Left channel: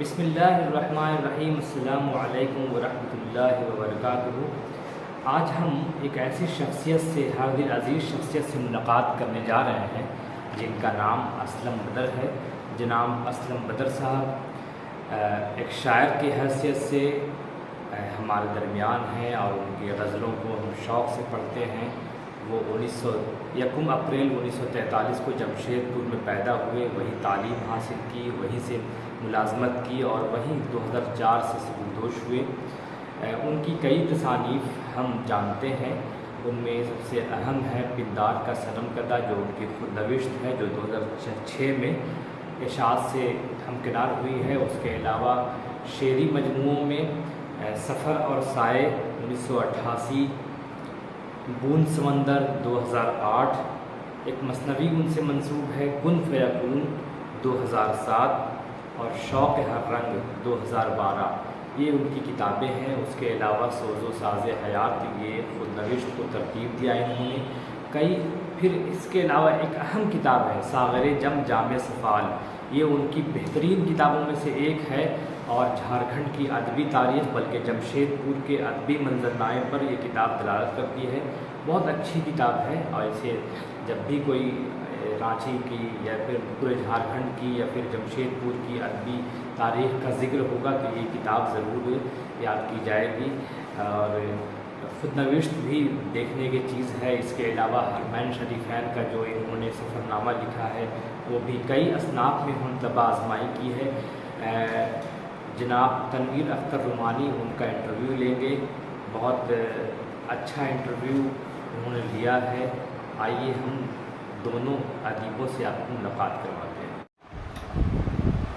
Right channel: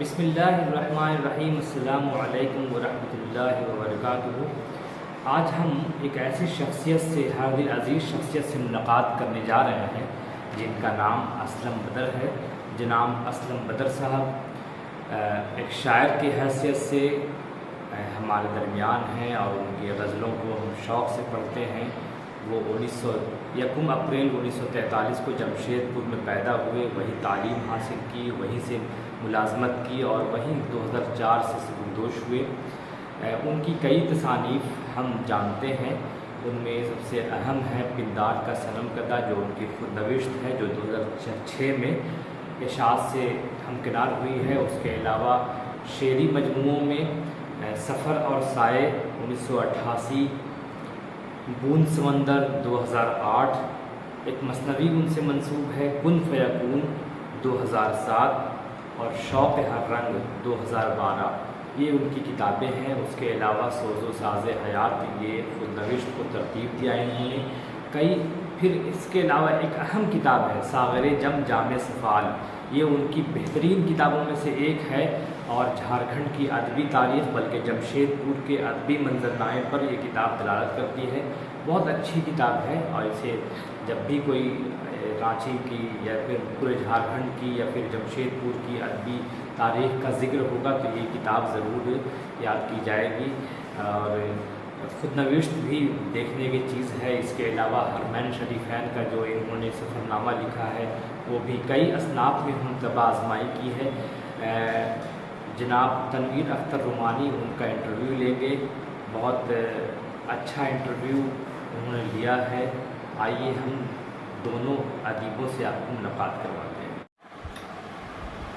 بسم اللہ الرحمن الرحیم، السلام علیکم ورحمۃ اللہ وبرکاتہ۔ آج ہم ایک ایسی شخصیت سے، ہر دل عزیز شخصیت سے ملاقات کرنے جا رہے ہیں جن کا نام اسلم بدر ہے۔ جناب اسلم بدر صاحب ایک شاعر کی حیثیت سے ہمارے درمیان ہیں اور ان کی غزلوں کو ہم شوق سے پڑھتے ہیں۔ وہ 1 اپریل 1943 کو جمشید پور میں پیدا ہوئے، وہیں تعلیم حاصل کی، وہیں سے ملازمت کی اور وہیں 2004 سے سبکدوش ہوئے۔ ان کی کئی تصانیف ہم جانتے ہیں، ان میں سب سے اہم ہے پندار کا صنم کدہ، جو ان کی خود نوشت ہے، جو 2006 میں اشاعت سے ہمکنار ہوئی ہے۔ اس کے علاوہ شعری مجموعوں میں سفر اور سائے 1988، بوند سمندر 2008، ایک مثنوی ان سے منسوب ہے کن فیکون 2007 اور شوق ہر رنگ 2012، یہ ان کی کتابیں ہیں۔ اس کے علاوہ سوز و ساز حیات، یہ خود نوشت کو ترتیب دیا انہوں نے پھر اس کے علاوہ ایک اہم کتاب ہے ساغر جم جامع سفال، یہ ان کی بہترین کتابوں میں سے ایک ہے اور جھارکھنڈ کی ادبی تاریخ بلکہ جمشید پور کے ادبی منظرنامے پر یہ کتاب دلالت کرتی ہے۔ بہت اچھی کتاب ہے اور اسے جب بھی کوئی رانچی کی یا پھر پورے جھارکھنڈ کی یا پھر جمشید پور کی ادبی تاریخ کا ذکر ہوگا تو یہ کتاب ضرور یاد کی جائے گی۔ اور خود نوشت بھی دیکھنے کی چیز ہے۔ اس کے علاوہ حرمین شریفین کا جو انہوں نے سفر نامہ لکھا ہے وہ بھی کئی اصناف میں طبع آزمائی کی ہے۔ جناب تنویر اختر رومانی ان کا انٹرویو لیں گے، بہت اچھا انٹرویو انہوں نے لیا ہے۔ آئیے ہم دونوں ادیبوں سے آپ کو ملاقات کرواتے ہیں۔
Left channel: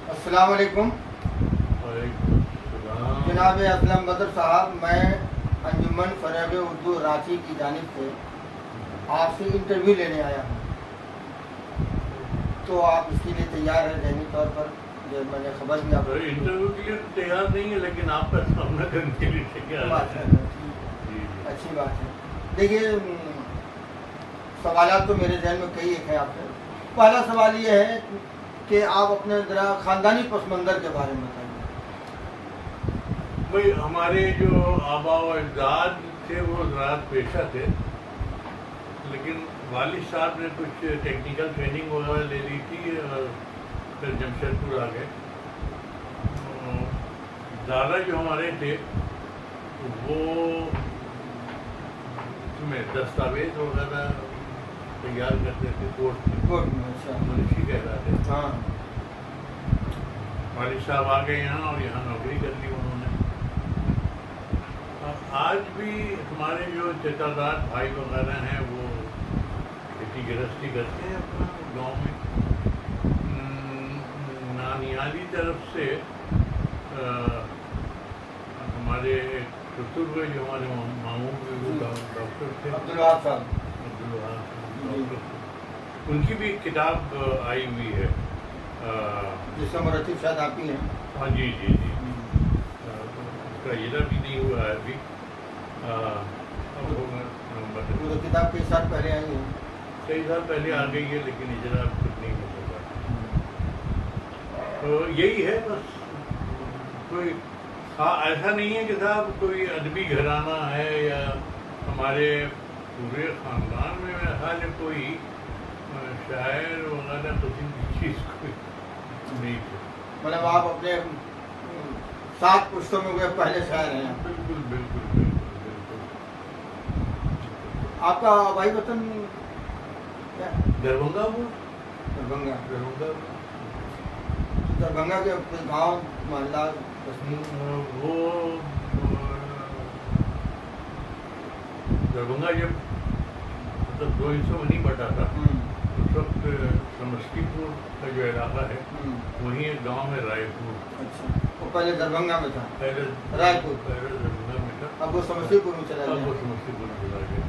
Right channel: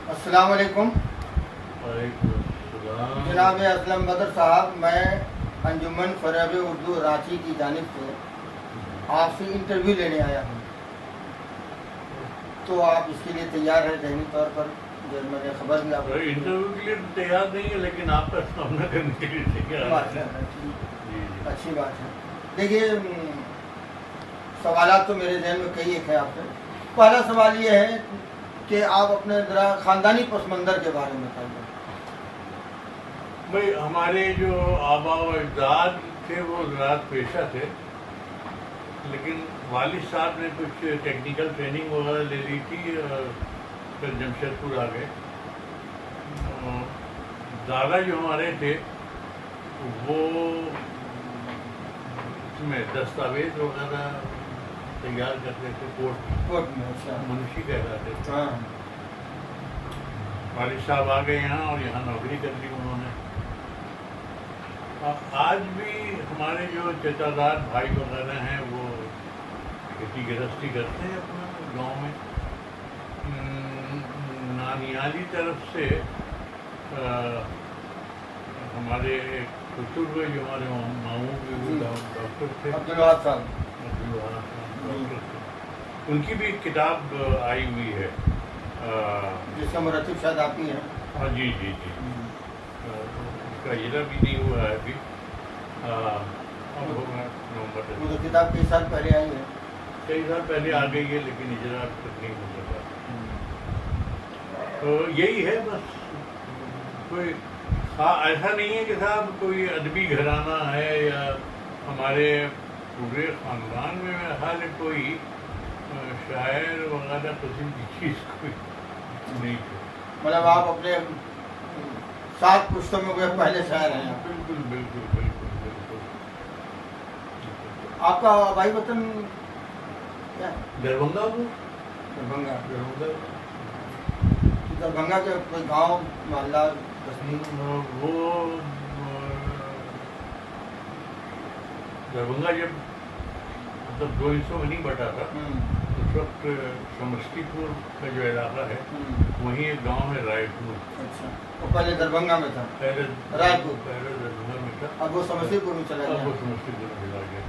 السلام علیکم۔ وعلیکم السلام۔ جناب اسلم بدر صاحب، میں انجمن فریب اردو رانچی کی جانب سے آپ سے انٹرویو لینے آیا ہوں، تو آپ اس کے لیے تیار ہیں ذہنی طور پر؟ جو میں نے خبر بھی آپ کو انٹرویو کے لیے تیار نہیں ہے لیکن آپ کا سامنا کرنے کے لیے تیار ہے۔ اچھی بات ہے۔ دیکھیے، سوالات تو میرے ذہن میں کئی ایک ہے آپ سے۔ پہلا سوال یہ ہے کہ آپ اپنے ذرا خاندانی پس منظر کے بارے میں بتائیے۔ بھائی، ہمارے جو آبا و اجداد تھے وہ زراعت پیشہ تھے، لیکن والد صاحب نے کچھ ٹیکنیکل ٹریننگ وغیرہ لے لی تھی اور پھر جمشید پور آ گئے۔ دادا جو ہمارے تھے وہ اس میں دستاویز وغیرہ تیار کرتے تھے، کورٹ میں۔ اچھا، منشی کہلاتے تھے۔ ہاں۔ والد صاحب آ گئے یہاں اور یہاں نوکری کر لی انہوں نے۔ اب آج بھی ہمارے جو چچاداد بھائی وغیرہ ہیں وہ کھیتی گرہستی کرتے ہیں اپنا گاؤں میں۔ نانیالی طرف سے ہمارے سسر ہوئے جو ہمارے ماموں بھی ڈاکٹر تھے، عبدالوہاب صاحب، ڈاکٹر تھے۔ ان کی بھی ایک کتاب آئی ہوئی ہے، جس میں مرتب شاید آپ کی ہیں۔ ہاں جی جی جی، اس کا اجرا بھی نہیں ہوا ہے ابھی، اب ہوگا نومبر تک۔ وہ کتاب کئی سال پہلے آئی ہے۔ کئی سال پہلے آ گئی ہے لیکن اجرا اب تک نہیں ہو سکا۔ تو یہی ہے بس، کوئی ایسا نہیں ہے کہ صاحب کوئی ادبی گھرانہ ہے یا ہمارے پورے خاندان میں میرا خیال ہے کوئی شاعر وغیرہ قسم کی چیز کوئی نہیں ہے۔ مطلب آپ اپنے 7 پشتوں میں وہ پہلے شاعر ہیں۔ بالکل بالکل بالکل بالکل۔ آپ کا آبائی وطن کیا ہے؟ دربھنگا ہوں، دربھنگا۔ دربھنگا دربھنگا کے کوئی گاؤں، محلہ، تصنیف؟ وہ دربھنگا جب مطلب 2 حصوں میں نہیں بٹا تھا اس وقت سمستی پور کا جو علاقہ ہے وہیں ایک گاؤں ہے رائے پور۔ اچھا، وہ پہلے دربھنگا میں تھا، پہلے رائے پور، پہلے دربھنگا میں تھا، اب وہ سمستی پور میں چلا اب وہ گیا۔ سمستی پور چلا گیا۔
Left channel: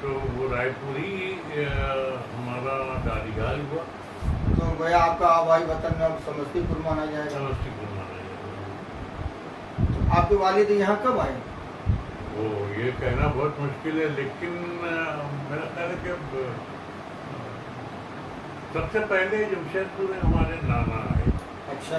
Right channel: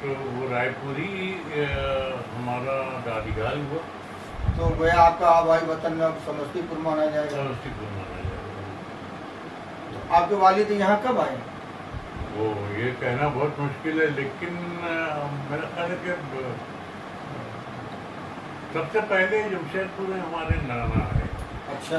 تو وہ رائے پور ہی ہمارا دادیگال ہوا۔ تو گویا آپ کا آبائی وطن میں اب سمستی پور مانا جائے گا۔ سمستی پور مانا جائے گا۔ آپ کے والد یہاں کب آئے؟ وہ یہ کہنا بہت مشکل ہے لیکن میرا خیال ہے کہ سب سے پہلے جمشید پور میں ہمارے نانا آئے۔ اچھا،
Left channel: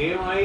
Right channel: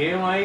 AMI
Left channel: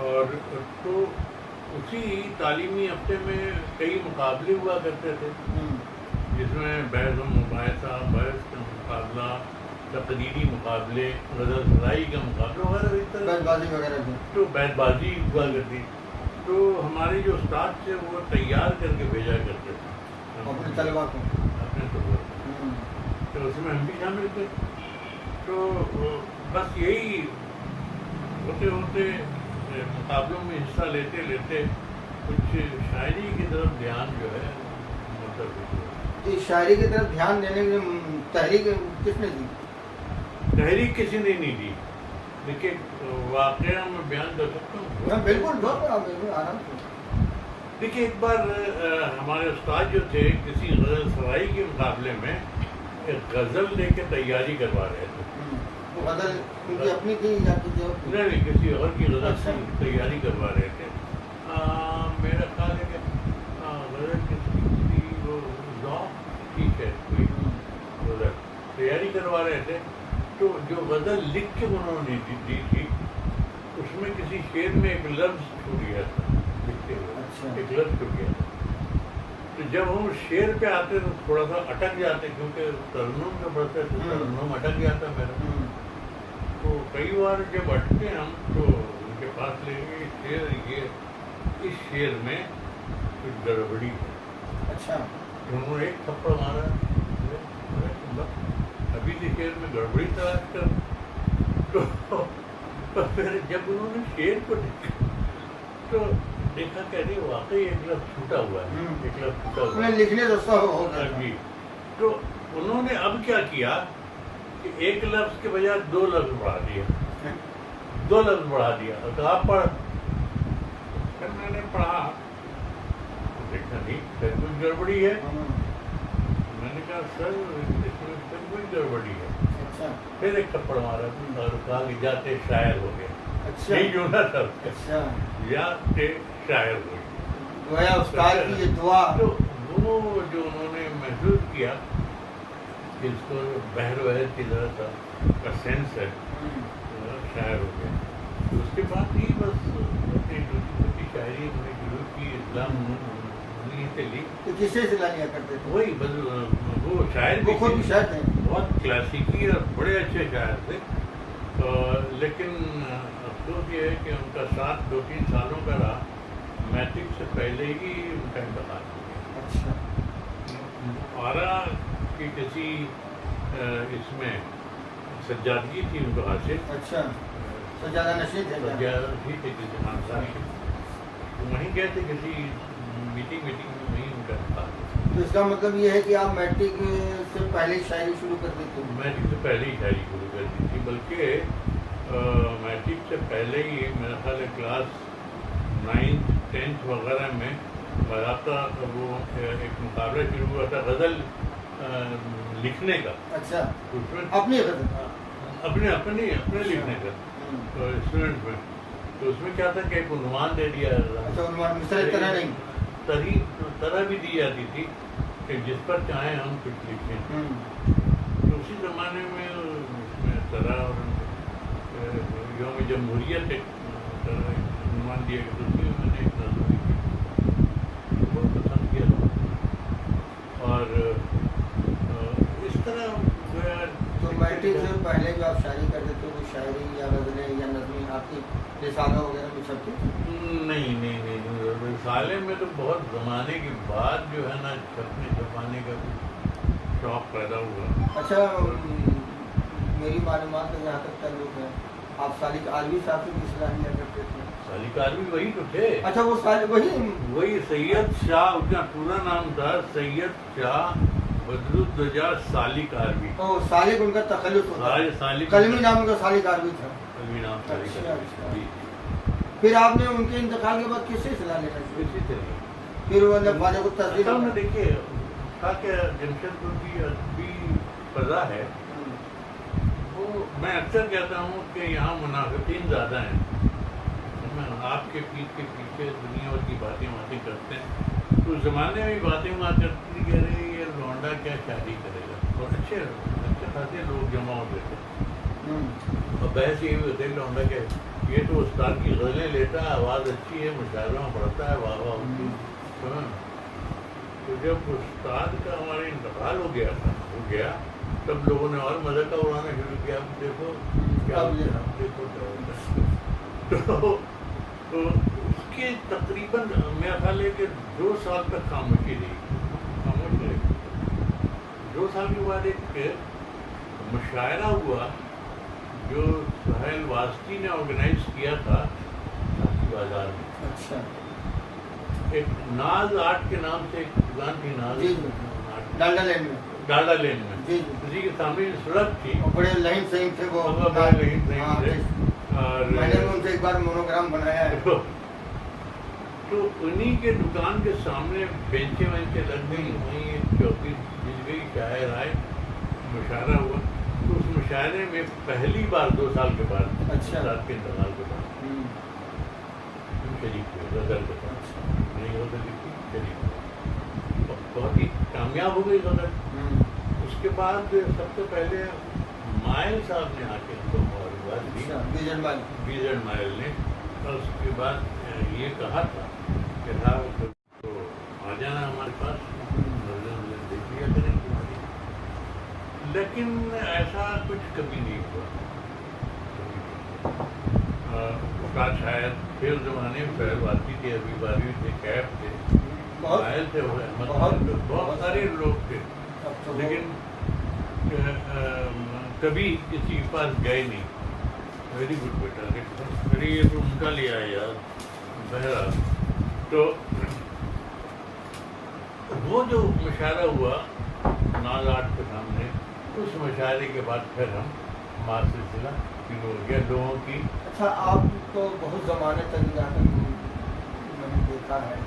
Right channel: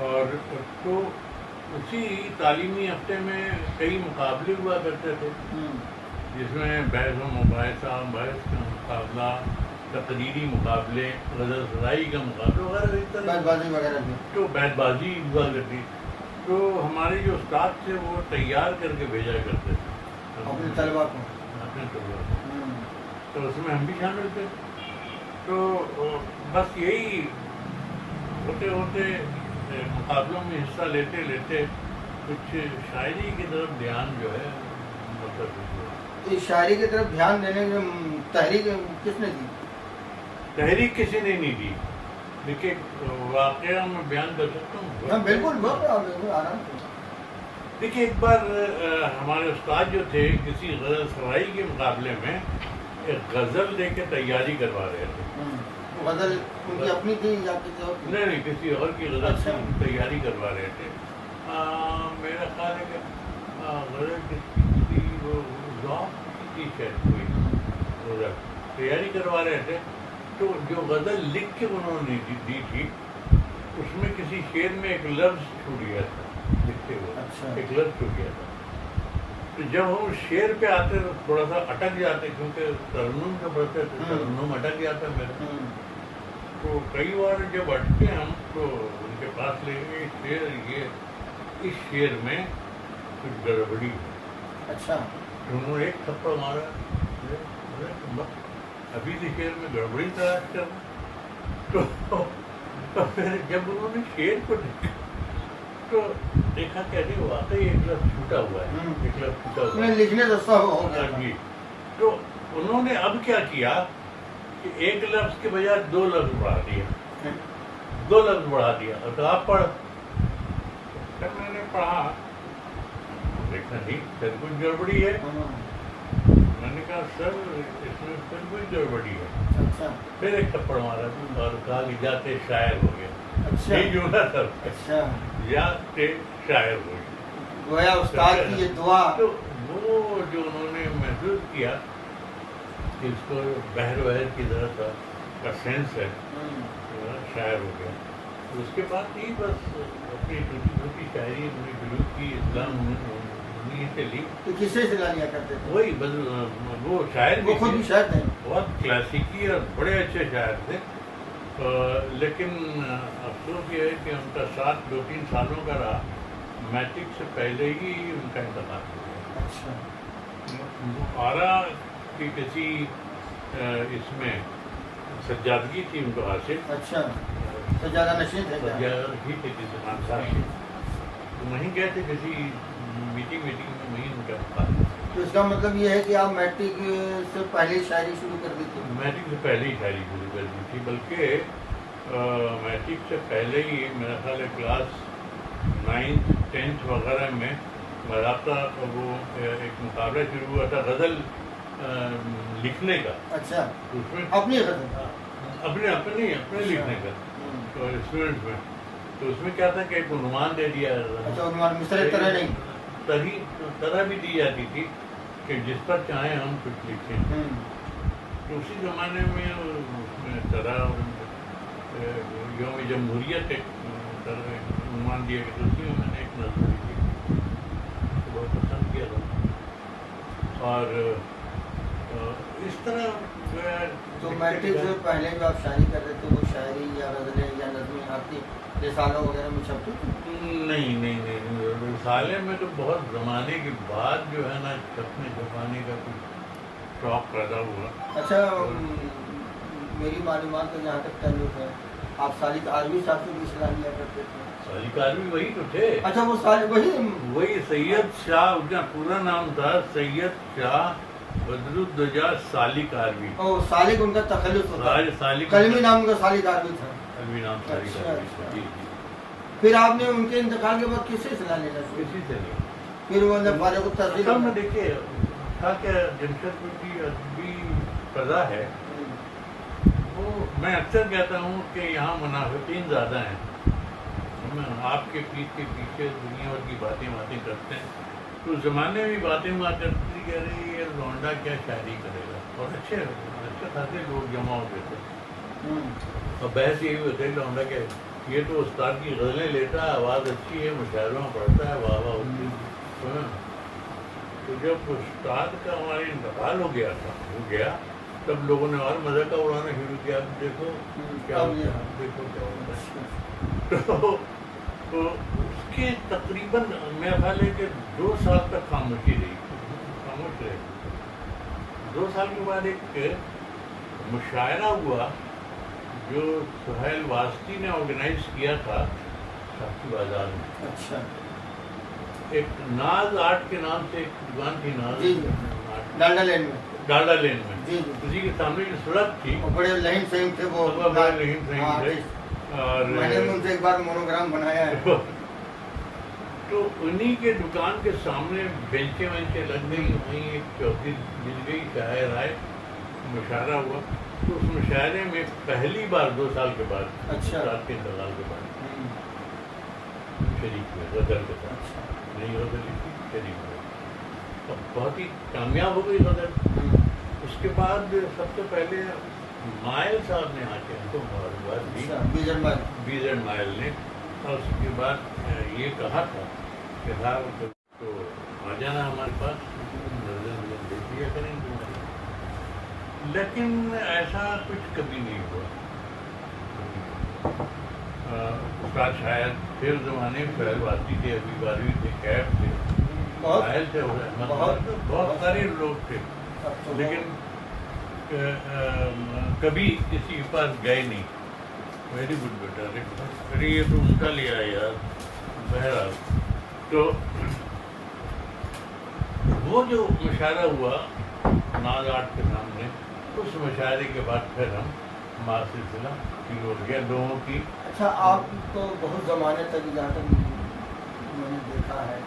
اور تو اسی تعلیمی ہفتے میں کئی مقابلے ہوا کرتے تھے جس میں بحث و مباحثہ، بحث کا مقابلہ، تقریری مقابلے، غزل سرائی کا مقابلہ وغیرہ اس طرح بیت بازی وغیرہ بھی. تو بیت بازی ہوا کرتی. تو ہمارے جو استاد تھے وہ تیار کر کے بھیجا کرتے تھے اپنے طلبا کو. اپنے طلبا کو. تو اس میں ہم بھی شامل تھے. تو بس یہی ہوتے ہوتے مقابلوں میں حصہ لیتے لیتے کچھ شاعری کی طرف دھیان جو ہے مرتب ہوا. تو شاعری کی طرف دھیان دینے کی تحریک کس نے دی؟ تحریک کسی نے نہیں دی. دیکھیے واقعہ میں بیان کر سکتا ہوں. ہاں بالکل بالکل آرام سے. دیکھیے ایک بار ہمارے استاد جو تھے کسی غزل سرائی کے مقابلے میں ایک غزل لے کے تیاری کروا رہے تھے. غزل ان کی اپنی تھی یا کسی اور کی؟ نہیں کسی اور کی غزل کی تیاری کروا رہے تھے. میرا خیال ہے کہ غزل کسی کی وہ ذوق کی شاید کوئی غزل تیاری کروا رہے تھے. تو جو غزل لکھ کے انہوں نے دی تھی اس میں کسی شعر میں ایک لفظ چھوٹ گیا تھا لکھتے ہوئے. ایک لفظ چھوٹ گیا تھا. تو جب ہم شعر پہ آتے تو تھوڑا سا اٹک جاتے کیونکہ ترنم کا پڑھتے تھے. ترنم اٹک جاتا میرا. تو کئی بار جب اٹکے ہم تو ان کے پاس لے گئے شعر یہ اس شعر میں کچھ گڑبڑی ہے. اچھا. انہوں نے ایک تھپڑ مارا. ابھی کے شعر میں گڑبڑی تلاش کر. تو پھر جب انہوں نے شعر کو دیکھا تو دیکھا کہ ارے واقعی ایک لفظ چھوٹا ہوا ہے. ایک لفظ چھوٹا ہوا ہے لکھنے دستا ہو جی. تو انہوں نے اب کیا کیا کہ ایک لفظ کے بجائے 2 لفظ بڑھا دیا. 2 لفظ بڑھا دیا. تو آپ پڑھ. پھر میں نے پڑھا دیکھا نہیں پھر کچھ گڑبڑی ہے. میں نے کہا سر اس میں پھر کوئی گڑبڑی ہے. پھر ایک تھپڑ مارا اور کہا کہ جاتے شاعر ہو گیا. نہیں جو نا سر یا شاعر ہو گیا. گویا استاد کی یہ دعا. تو وہ جو انہوں نے محسوس کیا کہ اس کو بحر وحر کی طرح کا سینس ہے شاعر ہو گیا. تو اس کے بعد ہی بس اپنی چھوٹی چھوٹی شاعری ہم نے شروع کی. اسلام انہیں سے لی. تو کسے سے لیا کرتے تھے؟ وہی بس وہ شاعر وہ خود بھی شاعر تھے. بہت کلاسیکی اور بڑے اچھے شاعر تھے. لیکن افسوس یہ ہے کہ ان کا ساتھ 2-3 سالوں کا رہا. میٹرک سے پہلے ہی ان کا انتقال ہو گیا. اچھا. آرا کی کسی اس میں سجادگی تھی ان کو حاصل. اچھا. سجادہ نشین تھے ہی تھے کسی خاندان سے. وہیں گئے تھے کسی میٹنگ میں وہیں ان کا انتقال. تو اس کا مطلب یہ ہے کہ آپ میٹرک سے پہلے شاعری شروع کر دی تھی؟ میٹرک سے پہلے ہی شاعری شروع کر دی تھی. بلکہ میٹرک سے پہلے ہی میرا خیال ہے کلاس 9th 10th وغیرہ میں باضابطہ وہ ایک مقابلہ شروع ہوا تھا غزل لکھنے کا. اچھا. اس میں اپنی غزل اپنے لکھنے کا اسٹوڈنٹ میں. تو اس میں کیا تھا کہ ایک عنوان دے دیا. اچھا. عنوان مثال طرح نہیں طرح بھی دی جاتی تھی کہ جس پر چاہیں ہم کچھ لکھیں. تو اسی زمانے میں اس میں طرح اور یوم جمہوریت ایک طرح عنوان دیا گیا. تو اس میں نے ایک نظم لکھی بہت پسند کیا تھا. اور اس طرح تو میٹرک سے پہلے جو آپ شاعری کرتے تھے وہ شاعری یا غزلیں یا نظمیں آپ کی رسالوں وغیرہ میں چھپتی تھی؟ نہیں رسالے میں تو بہت زمانے کے بعد جو ہے نا چھپنے چھپانے کا کچھ شوق پیدا ہوا. اچھا. میری معلومات کا جہاں تک تعلق ہے آپ سالک عربی صاحب سے بھی صلاح لیا کرتے تھے. سالک عربی وہی تو تھے. اچھا. وہ وہی سید شاہ. ان کا پورا نام تھا سید شاہ بدر الدجا سالک عربی. سالک ان کا تخلص ہوتا ہے. کلمی نام ان کا سالک عربی تھا. کلمی نام سالک عربی. پھر آپ نے ان کے انتقال کے بعد کس سے صلاح لینا شروع کی؟ پھر وہ فارغ التحصیل میں دیکھیے تھا کہ جمشید پور کی ادبی فضا ہے وہ میں اکثر کہتا ہوں کہ یہاں منافقین زیادہ ہیں. آپ کے پیٹ کے پیچھے دنیا بھر کی باتیں کرتے ہیں. تو اس زمانے میں باتیں کرتی کہہ رہی یہ لونڈا کیا شادی کرے گا. اور اچھے خاصے لوگ جمع ہوتے تھے. بحث یہ ہوتے ہیں لونڈا کہ یہ تو استاد کی غزلیں لیتا ہے، آواز اچھی ہے، مشاعروں میں پڑھتا ہے، واہ واہ ہوتی ہے۔ تو جب استاد کا ہمارے انتقال ہو گیا تب لوگوں نے اور مزے کا اڑانا شروع کیا، اب دیکھو کیا ہوتا ہے، دیکھو کیا ہوتا ہے۔ تو اس کے تقریباً میرا خیال ہے کہ 2 سال تک خاموشی رہی، خاموش رہے۔ 2 سال کے بعد ایک مشاعرہ ہوا جو سہیل واسطی نے آرگنائز کیا تھا شاخی بازار میں۔ اچھا، ایک ناز آرٹ کے نام سے ایک دکان تھی، ناز ڈالڈا لین میں، ڈالڈا لین میں، جی اسی کے سامنے جو سڑک تھی، اور بڑے لہیم سہیم تھے وہ، بڑے رحیم سہیم تھے، اور میں نے ان سے ایک بار مونوگرام بنایا ہے۔ تو انہی کے دکان کے سامنے بینچیں وینچیں لگ گئی، وہیں ایک چوکی مل گئی، شاعر آئے، مشاعرہ ہوا۔ تو اس مشاعرے میں پہلی بار 2 سال کے بعد، استاد کے انتقال کے بعد شریک ہوئے غزل کے ساتھ، نئی غزل لکھی، شریک ہوئے، بہت ہی کامیاب ہو گئی غزل۔ اس کے بعد سب سے پہلے مائل صاحب نے آ کے ہم کو معلومات دی، بیزن مائل نے، اور اس کے بعد یہ کہا تھا کہ صاحب تو آ جانا ہمارے پاس، نظر دیکھ لیا کریں تمہاری۔ لیکن ایسا کچھ کبھی نہیں ہوا۔ استاد شاید پھر زمانے میں سہیل واسطی تھے، ابھی بارہویں تھے، کیف تھے، ساحل تھے، بہت سارے لوگ تھے، لیکن کبھی کسی کے پاس گئے نہیں۔ ویری گڈ بیٹا، میرے یہ تو ان کا لیا ہے یار۔ بہرحال تو وہ جو مشاعرہ ہوا ناز آرٹ کے سامنے، اس مشاعرے کے بعد پھر ہمارا سلسلہ شروع ہو گیا لوگوں کی۔ اچھا، آپ تو بہت زمانے تک جہاں تک میں نے دیکھا ہے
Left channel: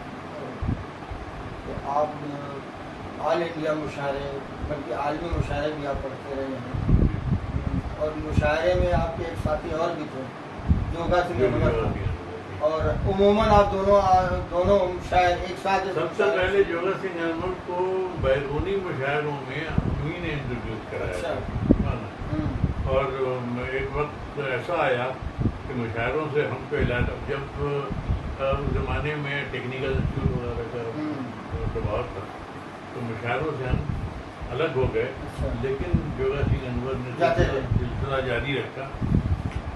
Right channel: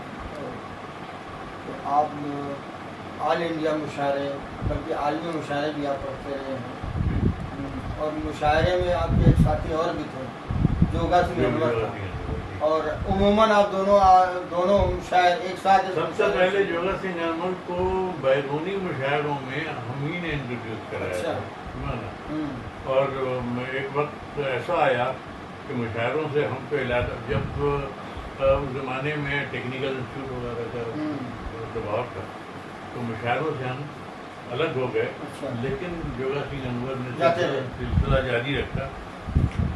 تو آپ آل انڈیا مشاعرے، بلکہ عالمی مشاعرے بھی آپ پڑھتے رہے ہیں، اور مشاعرے میں آپ کے ایک ساتھی اور بھی تھے، جوگا سنگھ انور، اور عموماً آپ دونوں شاعر ایک ساتھ۔ سب سے پہلے جوگا سنگھ انور کو بیرونی مشاعروں میں ہم ہی نے انٹروڈیوس کرایا تھا، اور ایک وقت ایسا آیا کہ مشاعروں سے ہم کو علاقہ، جب اس زمانے میں ٹیکنیکل انسٹیٹیوٹ وغیرہ کا دباؤ تھا، تو مشاعروں سے ہم الگ ہو گئے، لیکن جوگا سنگھ انور نے سلسلہ جاری رکھا۔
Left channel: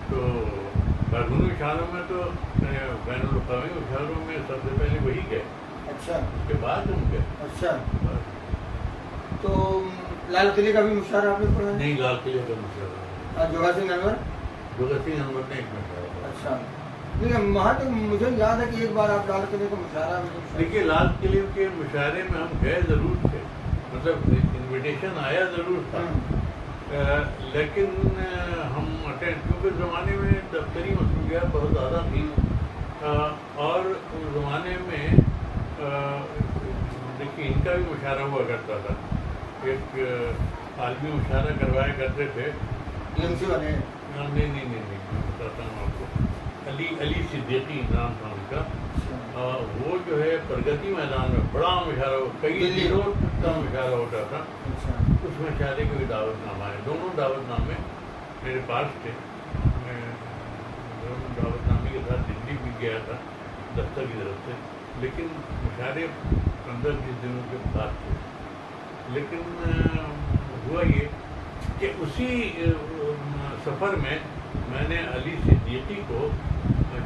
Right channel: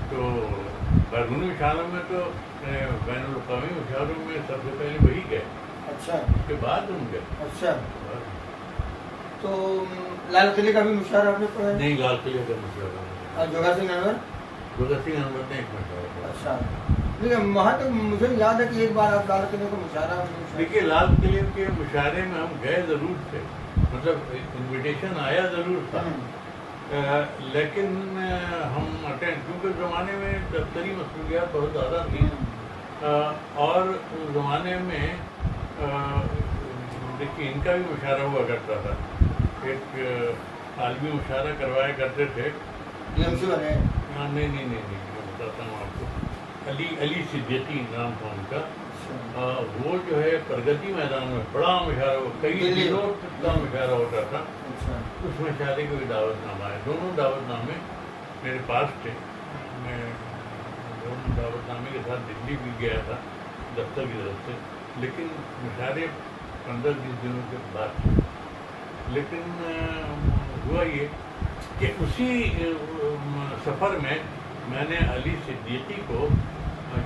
تو بیرونی مشاعروں میں تو بین الاقوامی مشاعروں میں سب سے پہلے وہی گئے، اچھا، اس کے بعد ہم گئے۔ اچھا، تو لال قلعے کا بھی مشاعرہ آپ نے پڑھا؟ نہیں، لال قلعے کا مشاعرہ، اور جوگا سنگھ انور نے ایک مشاعرہ کیا۔ اچھا، لیکن وہاں تک مجھے یاد ہے کہ ایک بار آپ لال قلعے کا مشاعرہ۔ دیکھیے، لال قلعے کے مشاعرے میں ہم گئے ضرور تھے، مطلب انویٹیشن آیا ضرور تھا، لیکن ہم اٹینڈ، کیونکہ زمانے میں دفتری مصروفیات بہت زیادہ تھیں، اور اس زمانے میں دیکھیے ان کا بھی مشاعرہ ہوا کرتا تھا، ایک عالمی مشاعرہ کروایا کرتے تھے۔ نہیں، میں بتاتا ہوں آپ کو، علی صدیقی نام تھا ان کا، وہ جو ہے پرگتی میدان میں بڑا مشاعرہ، کئی دنوں کا مشاعرہ ہوتا تھا، اس مشاعرے کے بھی دعوت نامہ ہے، دونوں دعوت نامے میرے پاس تھے، میں دونوں دعوت نامے کے ساتھ دلی بھی گیا تھا دفتر کی طرف سے، لیکن مشاعرے 15-20 دنوں کے بعد تھے۔ لیکن ہوا یہ کہ اسی سفر میں نے علی صدیقی کو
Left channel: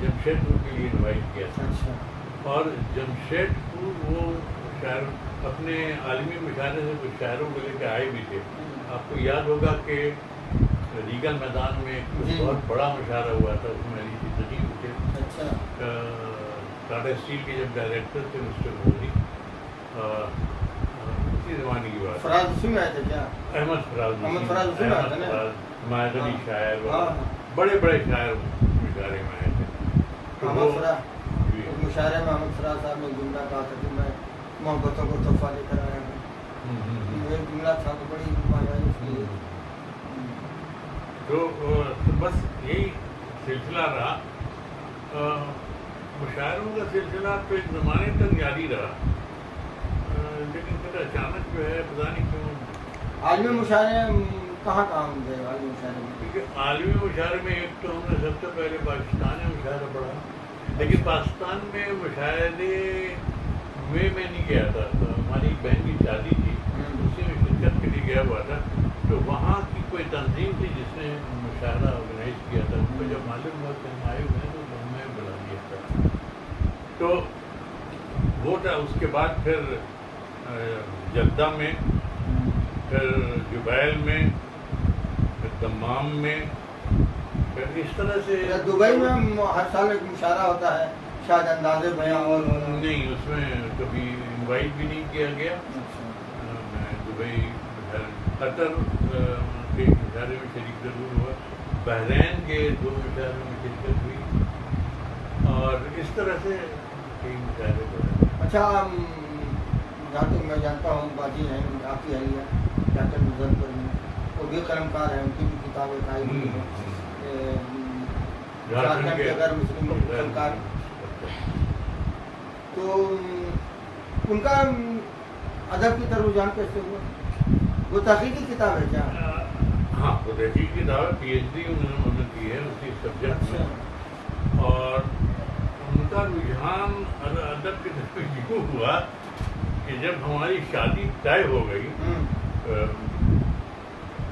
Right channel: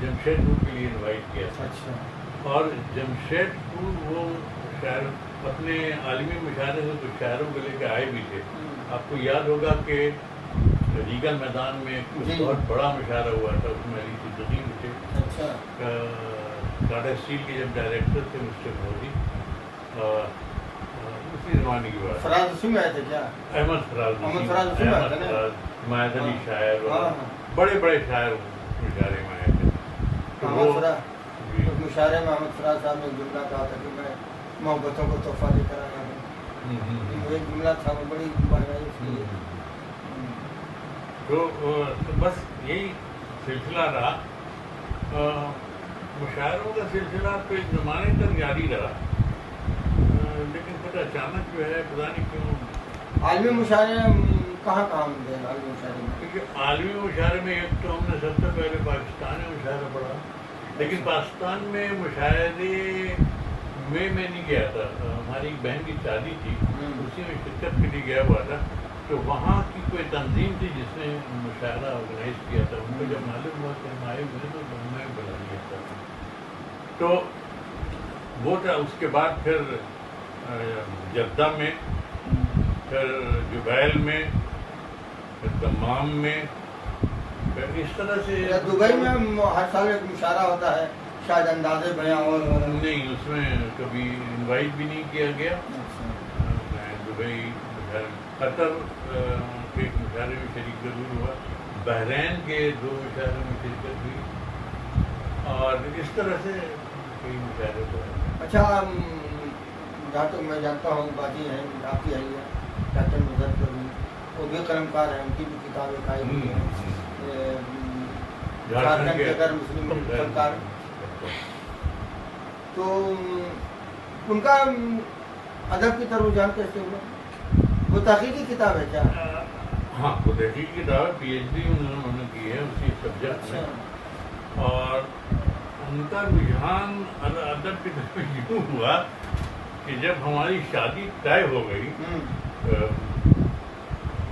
جمشید پور کے لیے انوائٹ کیا تھا، اور جمشید پور وہ شاعر اپنے عالمی مشاعرے سے کچھ شاعروں کو لے کے آئے بھی تھے۔ آپ کو یاد ہوگا کہ ریگل میدان میں ایک بہت بڑا مشاعرہ ہوا تھا، اس میں علی صدیقی بھی تھے، ٹاٹا اسٹیل کے جب ڈائریکٹر تھے مسٹر مودی، اسی زمانے کی بات۔ احمد فراز، حمایت علی شاعر، بڑے بڑے شاعر مشاعرے میں آئے تھے۔ مشاعرے میں احمد فراز صاحب نے جملہ کہا تھا کہ میں محبتوں کو تحفہ دے کر آیا ہوں، ایک جملہ تھا، وہ بڑی معنی اس لیے۔ تو بس یہی سلسلہ رہا، مشاعروں کا سلسلہ تو ایک زمانے تک جاری رہا، لیکن پھر اچانک جو ہے پتہ نہیں کیوں عالمی مشاعرے کہاں کام دیں عالمی مشاعرے میں؟ کیونکہ عالمی مشاعرے میں ایک تو ہم نے سب سے پہلے پاکستان میں مشاعرہ پڑھا، لیکن پاکستان میں مشاعرے میں نہیں گیا تھا، ہماری ایک بہن کی شادی تھی، اسی میں شرکت کے لیے گیا ہوا تھا، تو وہاں کی کوئی تنظیم تھی جس نے مشاعرہ آرگنائز کیا تھا، ان کو جب معلوم ہوا کہ ہم آئے ہوئے ہیں تو ہمیں بلا لیا تھا، تو وہ تھا۔ اس کے بعد پھر جدہ میں، پھر جبیل میں، پھر دمام میں، پھر اس طرح سے دبئی میں ہر سال ایک مشاعرہ ہوتا ہے شاید اندازے بیاں اور نہیں، اس میں کبھی انوائٹ بھی نہیں کیا گیا۔ میں دبئی، قطر کے مشاعرے میں شریک ضرور ہوا، بحرین کے 2 مشاعرے میں شرکت ہوئی، اور اس طرح سے کئی مشاعرے ہوئے۔ اچھا، جہاں تک میں جانتا ہوں باجی ہیں آپ کی اہلیہ ڈاکٹر مظفر بھی، وہ بھی قلم کار ہیں، ان کی بھی کتابیں آئی ہوئی ہیں، جھارکھنڈ کے غیر مسلم فنکار، تو ان کا ادب کی طرف رجحان کیسے ہوا؟ وہ تحقیقی کتاب ہے کیا؟ ہاں، وہ تحقیقی کتاب ہے، پی ایچ ڈی انہوں نے کی ہے اسی سبجیکٹ میں، اور ان کا رجحان ادب کی طرف یوں ہوا کہ جب ہماری شادی طے ہو گئی،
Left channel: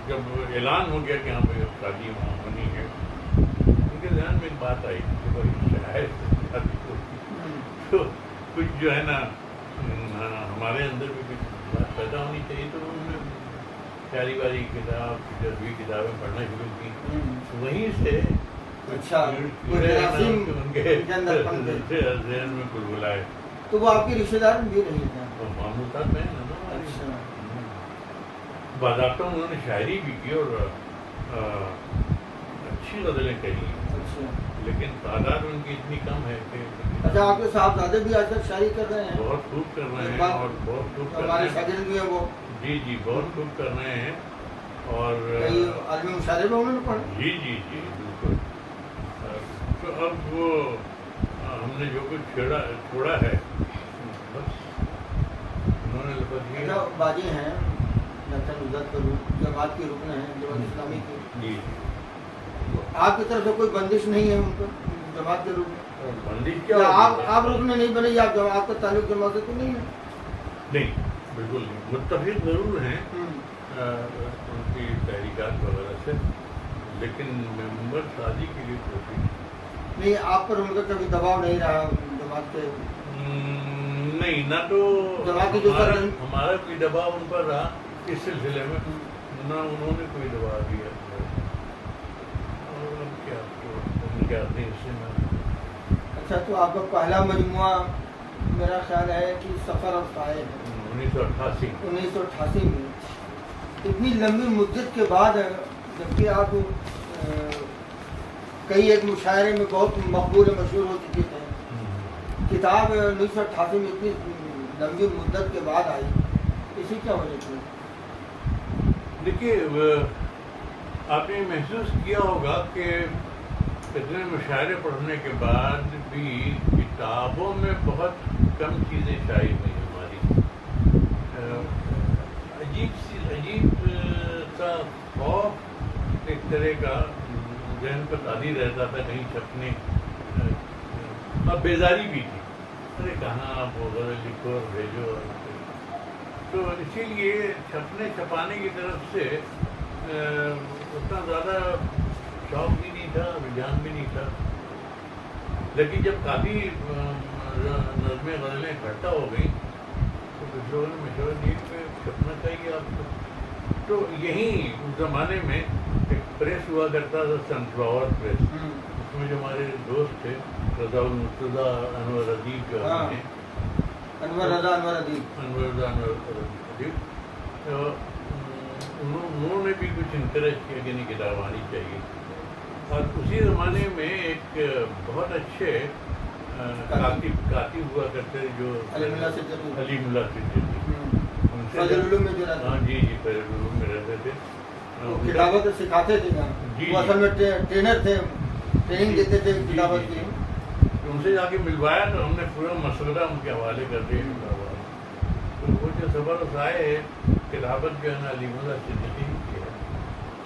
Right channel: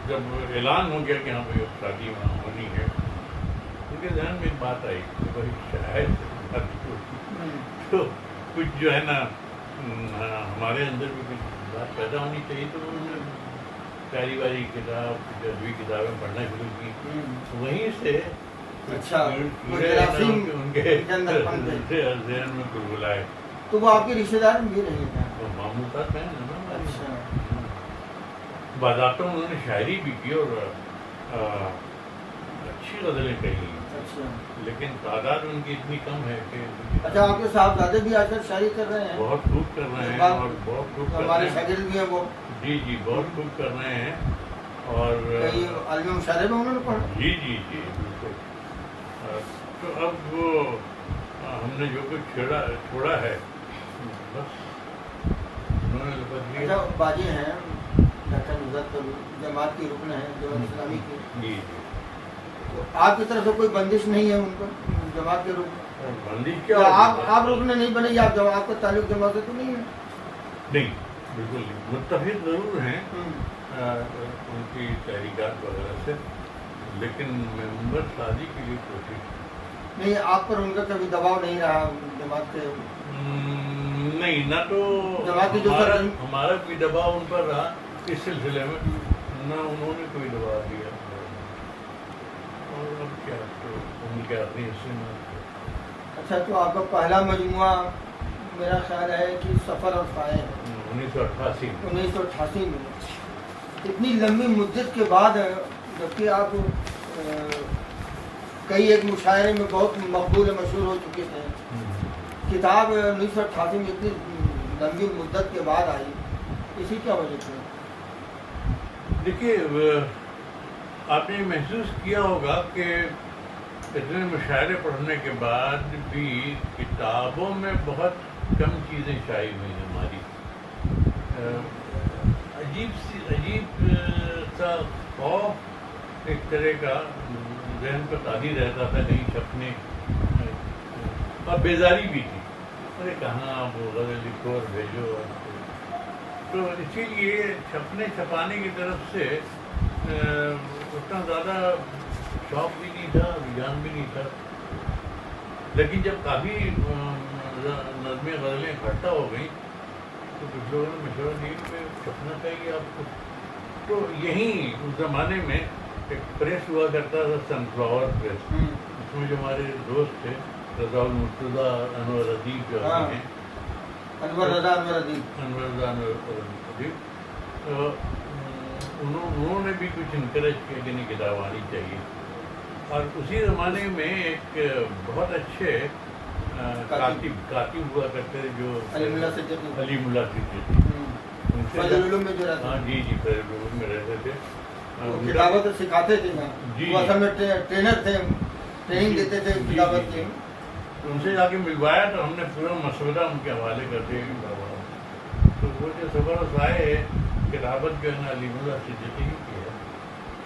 جب اعلان ہو گیا کہ ہاں بھائی شادی وہاں ہونی ہے، ان کے ذہن میں ایک بات آئی کہ بھائی شاید شادی ہوگی تو کچھ جو ہے نا ہمارے اندر بھی کچھ بات پیدا ہونی چاہیے، تو انہوں نے شاعری والی کتاب، جذبی کتابیں پڑھنا شروع کی، وہیں سے ان کے ذہن میں گلگل آئے۔ تو وہ آپ کے رشتے دار بھی نہیں تھا؟ وہ ماموں صاحب ہیں نا، باضابطہ انہوں نے شاعری بھی کی اور اچھی غزلیں کہی، لیکن تعداد ان کی اتنی کم ہے کہ اچھا، آپ کے صاحبزادے بھی آج کل شاعری کر رہے ہیں؟ بہت خوب کر رہے ہیں، اور بہت خوب کر رہے ہمارے ہیں، شاگرد بھی ہیں وہ؟ جی بہت خوب کر رہے ہیں، اور عالمی مشاعرے میں انہوں نے پڑھا؟ جی بالکل۔ تو اب وہ ہم نے جو کچھ چھوڑا ہے بس انہوں نے لپٹ دیا۔ اچھا، باجی ہیں ڈاکٹر مظفر جماعت کی رکن ہیں جماعت اسلامی کی، جی تو آپ کی طرف سے کوئی بندش نہیں ہے ان پر جماعت کے رکن؟ بندش کیا؟ آپ رکن نہیں بنے یا آپ کا تعلق جماعت سے تو نہیں ہے؟ نہیں، بالکل نہیں، متفق ضرور ہیں ان کی تحریکات وغیرہ سے، لیکن ممبر شادی کے لیے کوشش نہیں۔ آپ پر ان کا کبھی دباؤ نہیں رہا جماعت کے؟ نہیں، نہ تو ہمارا کوئی دباؤ ان پر رہا اس سلسلے میں، نہ انہوں نے کوئی دباؤ دیا، اور اب کیا تو ان کے اپنے حصے میں۔ اچھا، تو آپ کا پہلا مجموعہ میرا خیال ہے کہ سفر اور سائے ہے، 1988 میں۔ اتنی لمبی مدت کے بعد، جبکہ آپ کئی ایک مشاعرے میں بہت مقبول مشہور ہو چکی تھے، کتاب 1988 میں اتنی لمبی مدت کے بعد آئی، اسی کیا وجہ سے؟ دیکھیے، آپ نے محسوس کیا ہوگا کہ اتنے مشاعرے پڑھنے کے بعد بھی کتابوں میں بہت کم چیزیں شائع ہوئی ہیں ہماری، عجیب سا خوف ایک طرح کا ذہن پر تاری رہتا تھا کہیں چھپنے، اور بیزاری بھی تھی، ارے کہاں آپ وہ غزل لکھو اور بھیجو، تو اسی لیے چھپانے کی طرف سے اتنا زیادہ شوق بھی نہیں تھا، رجحان بھی نہیں تھا، لیکن جب کافی نظمیں غزلیں اکٹھا ہو گئیں تو کچھ لوگوں نے مشورہ دیا کہ چھپنا چاہیے آپ کو، تو یہیں اس زمانے میں ایک پریس ہوا کرتا تھا، سن فلاور پریس، اس میں جو ہمارے دوست تھے رضا المرتضیٰ، انور ادیب جو ہیں، انور رضا ادیب، انہوں نے بھی کچھ انکریج کیا کہ نہیں کتاب آنی چاہیے، اور اسی زمانے میں ایک بہت اچھے کاتب ہوا کرتے جو علی ملا سجدی، ان سے ہاں جی فیض العلوم میں رہتے تھے، کتابت سکھاتے تھے، وہ اصل میں ٹرینر تھے، ٹریننگ دیتے تھے کتابت کی، ان سے جا کے ملوایا تو ہم نے پورا مسودہ ان کے حوالے کر دیا کتابات، تو وہ جو سفر سائے کتابت جو ہے نا علی ملا سجدی کی ہے،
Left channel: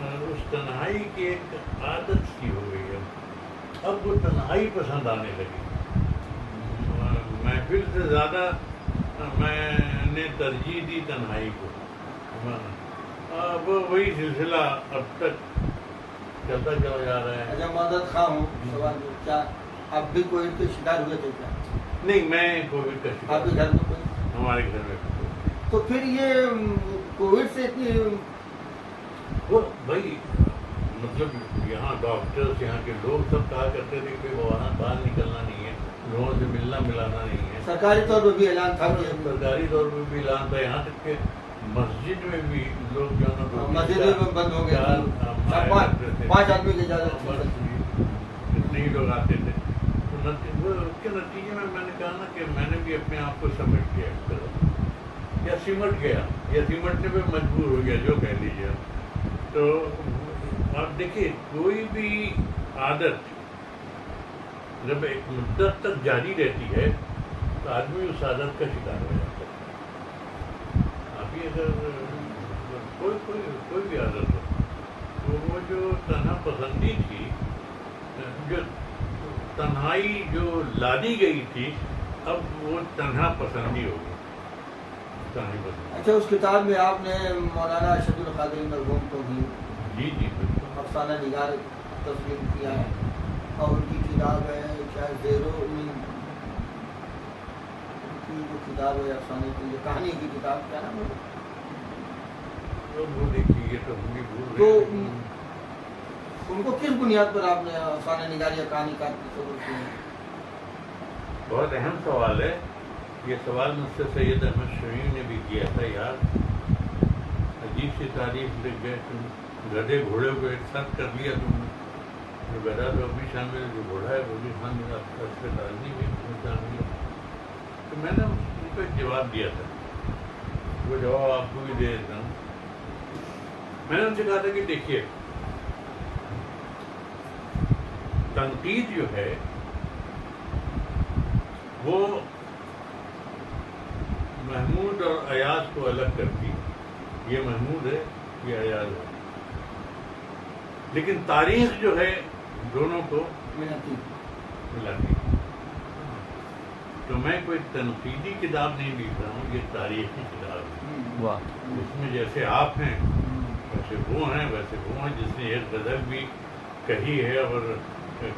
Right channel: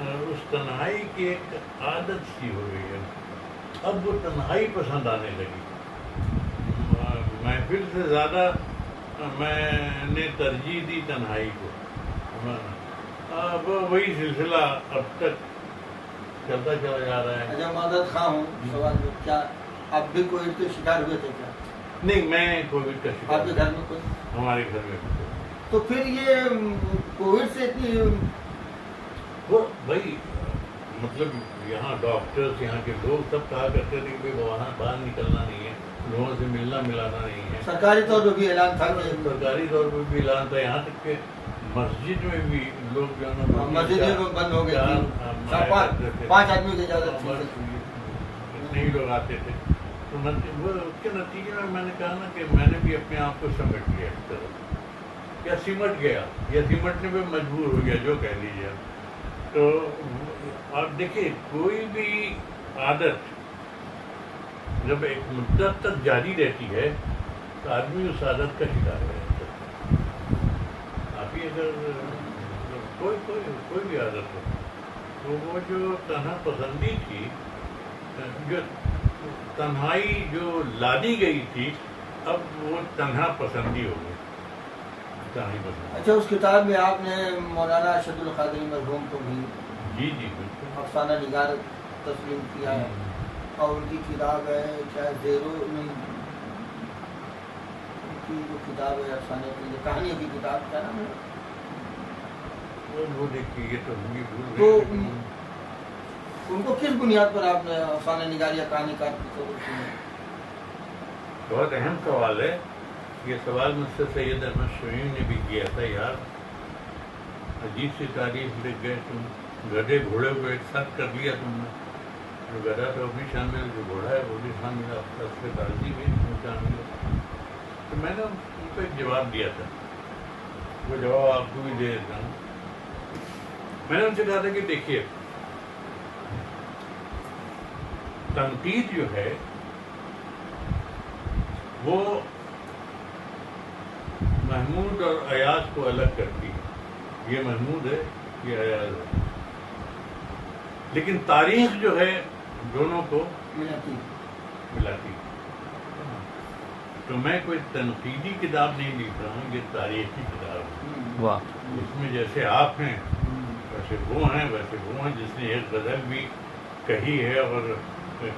اس تنہائی کی ایک عادت سی ہو گئی ہے. اب وہ تنہائی پسند آنے لگی. محفل سے زیادہ میں نے ترجیح دی تنہائی کو. اب وہی سلسلہ اب تک چلتا چلا جا رہا ہے. اچھا معذرت خواہ ہوں سوال کیا آپ بھی کووڈ کے شکار ہوئے تھے کیا؟ نہیں میں کووڈ کا شکار. آپ کے گھر میں کوئی؟ ہمارے گھر میں تو پھر یہ کووڈ سے اتنی وہ بھائی مطلب یہاں ڈاکٹرس یہاں کے لوگ سب کہا کرتے تھے کہ باہر نکلنا نہیں ہے, لوگوں سے ملنا ملانا نہیں ہے. سرکاری طور پہ بھی اعلان تھا کہ سرکاری طور پہ بھی اعلان تھا. یہاں تک کہ مسجد میں بھی لوگ جو ہے نا مسجدیں بند ہو گئی, 5 آدمی کی اجازت تھی. اتنے ہی لوگ آتے تھے. تو اس کے نتیجے میں نے کہا نا کہ میں نے بھی اپنے آپ کو سمٹ گیا ایک طرح, یا سمٹ گیا یا سمٹنے پہ مجبور ہو گیا, جو کہہ لیجیے. تو آپ دیکھیے کوئی بھی عادت جب ایک مدت تک جاری رہتی ہے تو آدمی اس عادت کا شکار ہو جاتا ہے. ابھی اگر کوئی بھی عادت ہو تو وہ جو تنہا پسندی تھی, جو تنہائی جو لادی گئی تھی, اب وہ تنہا پسندی ہو گئی. اچھا اس کتاب میں آپ نے مولانا ارشد القادری مرحوم کو بھی جی بالکل افسانہ نگار تسلیم کیا ہے, اور ان کی کتاب ہے چاہے زیرو کی جو کتاب ہے افسانے کی کہانی کی کتاب, کیا نام ہے وہ دیکھیے تو ہم بھی بھول تو گئے. ان کو کس بنیاد پر آپ نے افسانہ نگار یا کہانی کار کی ضرورت کی؟ بہت اہم سوال ہے یہ. سوال مجھ سے سید احمد شمیم نے بھی کیا تھا. یار عجیب سی تاریخ لکھ گئے تم, گدھے گھوڑے کو ایک ساتھ کر دیا تم نے. جو گدھا تو بھی شامل, جو گھوڑا ہے وہ بھی شامل, اس کے تازی بھی شامل ہے. تو میں نے ان کو ایک جواب دیا تھا, وہ جواب آپ کو بھی دے دیتا ہوں. میں نے ان سے کہا تھا کہ دیکھیے تنقید جو ہے وہ محمود اور ایاز کو الگ کرتی ہے. یہ محمود ہے, یہ ایاز ہے, لیکن تاریخ جو ہے دونوں کو ملاتی. تو میں کوئی تنقیدی کتاب نہیں لکھ رہا ہوں, یہ تاریخی کتاب ہے. اس میں جیسے آپ ہیں ویسے وہ ہیں, ویسے وہ ہیں. جس نے ایک غزل بھی کہی ہے اور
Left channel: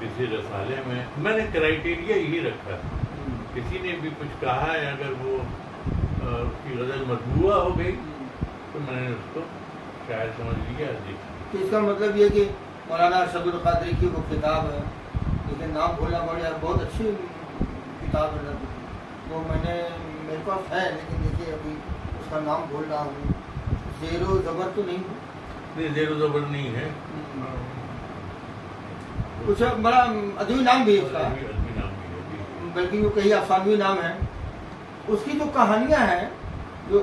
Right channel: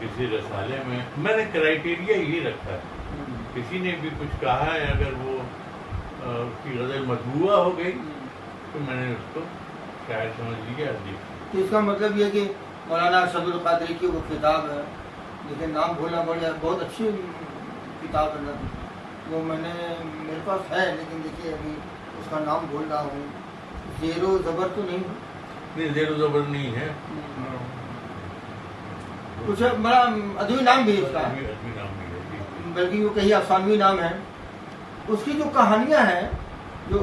کسی رسالے میں نے کرائیٹیریا یہی رکھا ہے. کسی نے بھی کچھ کہا ہے, اگر وہ اس کی غزل مطبوعہ ہو گئی تو میں نے اس کو شاعر سمجھ لیا. تو اس کا مطلب یہ کہ مولانا ارشد القادری کی وہ کتاب ہے, لیکن نام بھولنا پڑ جائے, بہت اچھی کتاب ہے وہ, میں نے میرے پاس ہے لیکن دیکھیے ابھی اس کا نام بھول رہا ہوں. زیرو زبر تو نہیں, زیرو زبر نہیں ہے, کچھ بڑا ادبی نام بھی ہے اس کا, بلکہ وہ کہیں افسانوی نام ہے. اس کی جو کہانیاں ہیں جو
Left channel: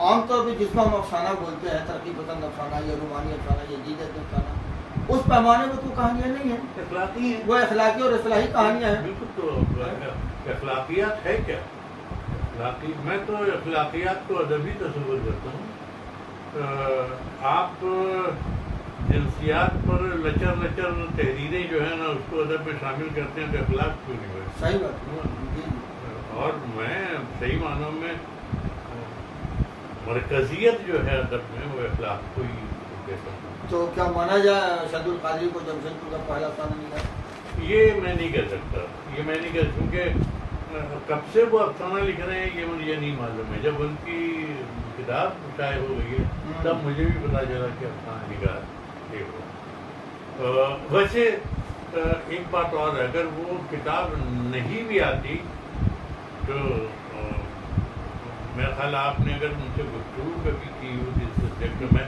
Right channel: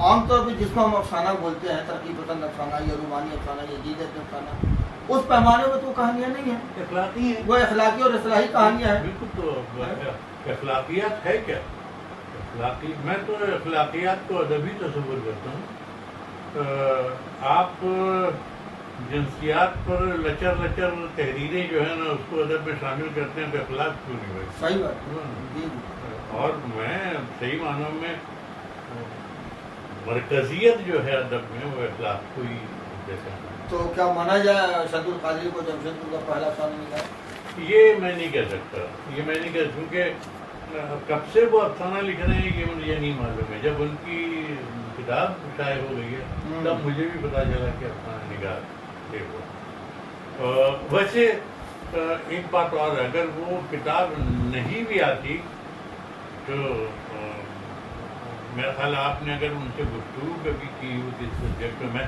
عام طور پہ جس کو ہم افسانہ بولتے ہیں, ترقی پسند افسانہ یا رومانی افسانہ یا جدید افسانہ, اس پیمانے میں تو کہانیاں نہیں ہیں, اخلاقی ہیں. وہ اخلاقی اور اصلاحی کہانیاں ہیں. بالکل. تو اخلاقیات ہے کیا؟ میں تو اخلاقیات کو ادبی تصور کرتا ہوں. آپ جنسیات پر لچر تحریریں جو ہے نا اس کو ادب میں شامل کرتے ہیں تو اخلاق کیوں نہیں ہوئے؟ صحیح بات. اور میں صحیح معنوں میں مرکزیت جو ہے ادب میں وہ اخلاق کو ہی دیتا ہوں. تو کیا مانا جائے ارشد القادری کو جمشید کا پہلا افسانہ نگار؟ یہ میں نہیں کہہ سکتا, کیونکہ کب سے وہ افسانہ لکھ رہے ہیں یہ مجھے نہیں معلوم ہے. جب ان کی کتاب شائع ہو گئی ہے تب مجھے بھی پتا چلا کہ افسانہ نگار دیکھو. ویسے ایک بات اور, اگر وہ کتاب نہیں بھی آتی تو میرا خیال آپ نے اگر ان سے گفتگو کبھی کی ہوتی اس سبجیکٹ میں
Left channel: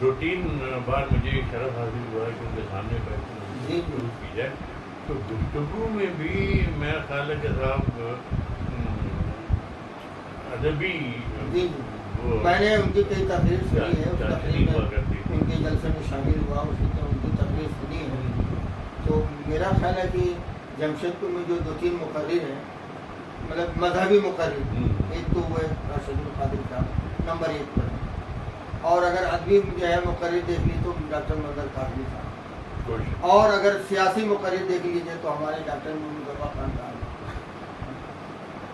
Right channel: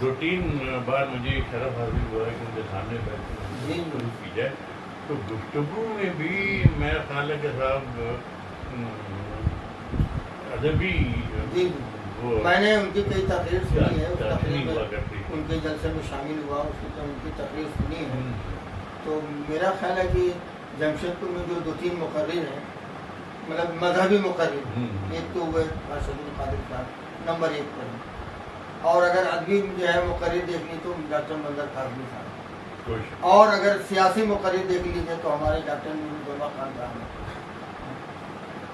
2-3 بار مجھے شرف حاصل ہوا ہے کہ ان کے سامنے بیٹھ گفتگو کی جائے, تو گفتگو میں بھی میرا خیال ہے کہ صاحب ادبی میں نے ان کی کئی تقریر سنی ہے, اس تقریر میں ان کے جلسے میں شامل ہوا, ان کی تقریر سنی ہے. تو میرا خیال ہے کہ جمشید میں جو 2-3 مقرر ہیں, مطلب مذہبی مقرر, ایک تو وہ ارشد القادری صاحب نمبر 1 پر ہے, اور اگر ادبی جو ہے مقرر دیکھنی تو ڈاکٹر منظر کاظمی صاحب، کوئی اور اگر سیاسی مقرر دیکھ لیجیے تو ہمارے ڈاکٹر نور خان صاحب ہیں۔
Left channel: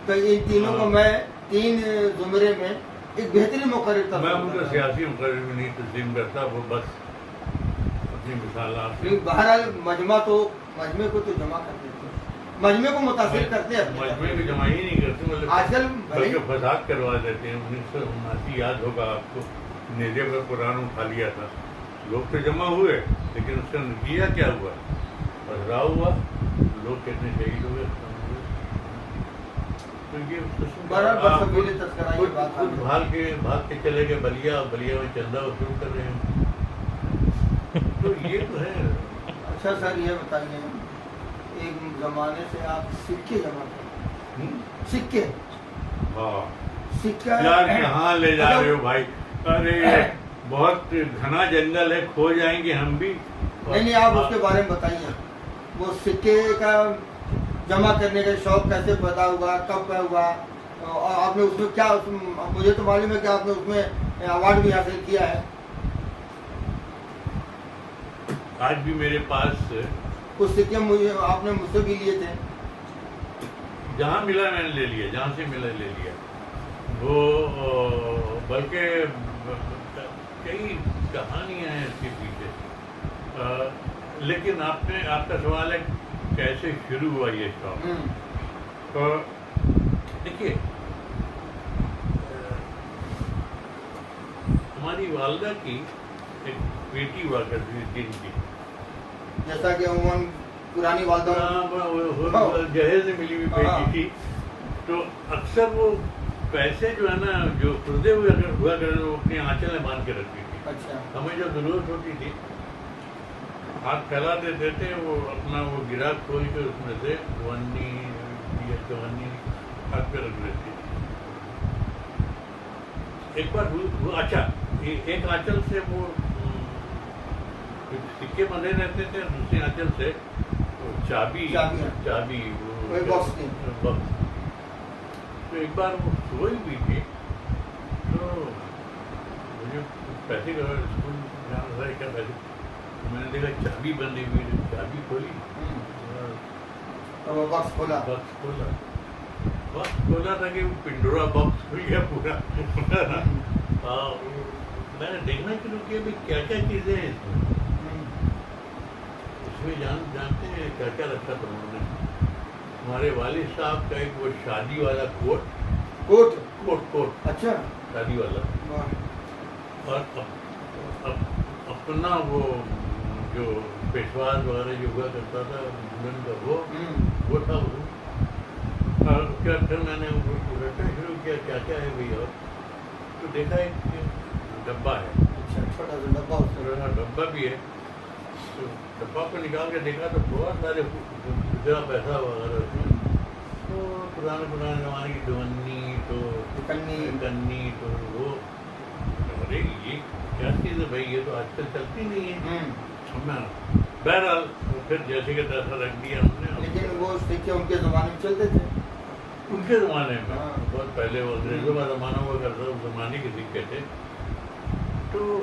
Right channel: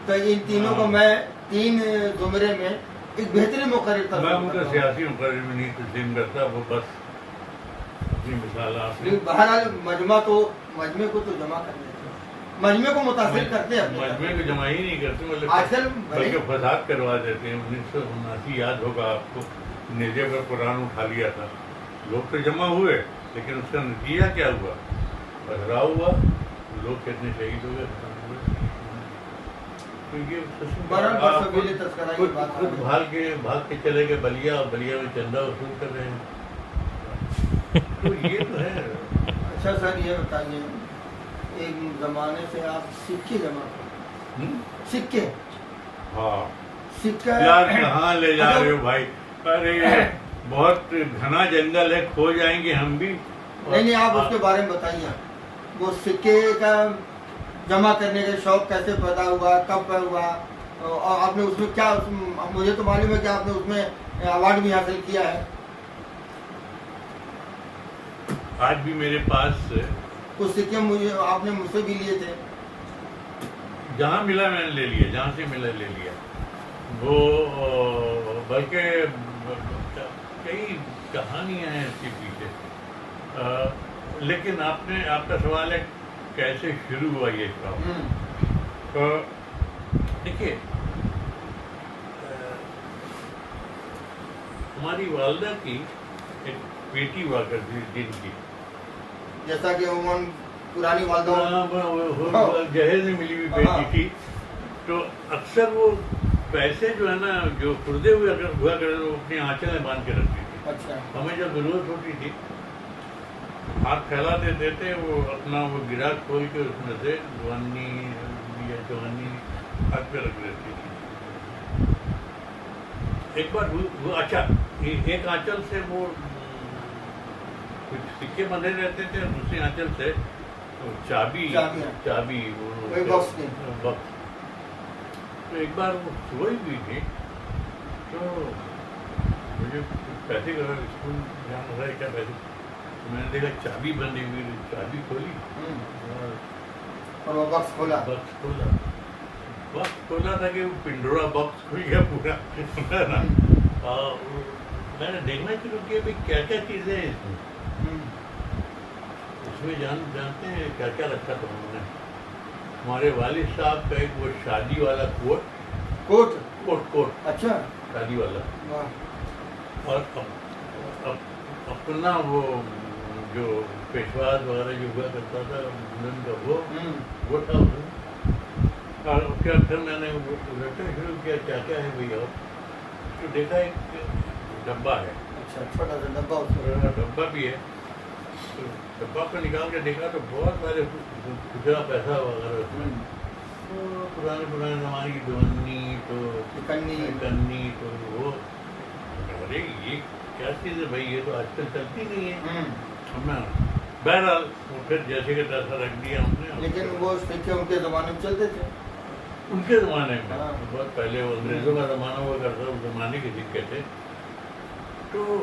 تو ان تینوں کو میں 3 زمرے میں ایک بہترین مقرر میں ان کا سیاسی مقرر میں نہیں تسلیم کرتا، وہ بس اپنی مثالات بہرحال مجمع کو تو جمع کر دیتے ہیں، مجمع کو متاثر کرتے ہیں، مجمع کو جمع ہی نہیں کرتے، مطلب آج کل بلکہ فساد کروا دیتے ہیں۔ 1979 یاد ہوگا آپ کو، نیزے پر قرآن اٹھا لیا تھا، لوگ تو جمع ہوئے لیکن اس کا نتیجہ کیا ہوا؟ پتھراؤ ہوا، لوگ کتنے شہید ہو گئے، خود بھاگ کے چلے گئے بلیا، اور بلیا میں چندہ وصول کر رہے ہیں، تو یہ تو ہے۔ اچھا سر یہ بتائیے، ایک زمانے سے آپ سکے جمع کرتے ہیں، سکے، ہاں سکہ یار کہاں لے جا رہے ہو بھائی؟ ارے بہت گھنا جنگل ہے، کھو جائیں گے ہم بھی۔ نہیں آپ اس کے بارے میں بتائیے، وہ سکے کا جمع کرنے کا شوق کیسے پیدا ہوا، کب ہوا، اور آپ نے اس میں کیا، مجھے تو معلوم ہے کہ آپ نے اس میں ایوارڈ بھی حاصل کیا ہے۔ آج بھی میرے پاس کچھ سکے آپ نے مجھ سے بھی لیے تھے، جہاں ملا میں نے لے لیا، جہاں سے ملا لے لیا۔ وہ بلکہ کئی کہانیاں ہیں اس کے پیچھے، لیکن آپ کا سوال ہے کیسے شروع ہوا یہ شوق؟ دیکھیے، ہماری والدہ کی ایک بیٹی ہوا کرتی تھی دن کی، جیسا کہ عموماً پرانی والدہ جہیز میں ملی ہوئی بیٹی تھی، تو اکثر وہ پیسے جو ہے نا، جو خردے ہوئے اگر ہوا کرتے وہ اپنی آنچل میں باندھ کے رکھتی تھی۔ اچھا، ہمیں جب ضرورت ہوتی تھی ہاتھ پھیلا دیتے تھے، وہ اپنا وہ گرا کھول کے اس میں سے 52 یا 54 ہاتھ پہ رکھ لیتی تھی۔ ایک بار وہ اچھا ایک آنچل سے وہ کچھ سکے بندھے رہتے تھے، دوسری آنچل سے چابی کوئی باکس نہیں۔ تو ایک بار وہ سوئی ہوئی تھی، تو مجھے پیسے اسکول جانا تھا، کیا پیسے، میں نے دیکھا چابی بندی ہوئی، چابی کھولی اور وہ باکس کھولا تھا کہ وہ پنڈورا باکس کھل گیا پورا۔ میں نے دیکھنا شروع کیا بھی کیا کیا چیزیں ہیں اس میں جانتے ہیں کیا کیا رکھا تھا انہوں نے؟ ہمارے والد صاحب کا ایک وہ شادی والا کوٹ، اچھا، شادی والا، اور اپنا وہ جو پیشواز وغیرہ جو ہوا کرتا تھا دلہن کا وہ تھا اس میں۔ اور پھر میں نے رٹنا شروع کیا کیا کیا ہے بھائی، اور تو دیکھا ایک ڈبہ ہے، چھوٹا سا ڈبہ بھی ہے، تو ڈبہ کو نکال کے دیکھا تو بہت سارے گزرا پیسہ وغیرہ اس میں، تو پرانے زمانے کی دونی تو کنی تو وہ، ارے یہ کیا چیز ہے بھائی، یہ تو آج کل چلتی نہیں ہے۔ بہرحال پھر جیسے کہ ایسا رکھ دیا ہم نے۔ لیکن وہ سکے ان کے زمانے میں چلتے تھے، ان کے زمانے میں بہت پہلے وہ انگریزوں کا زمانہ ہوا کرتا، اس زمانے کے سکے تھے۔ تو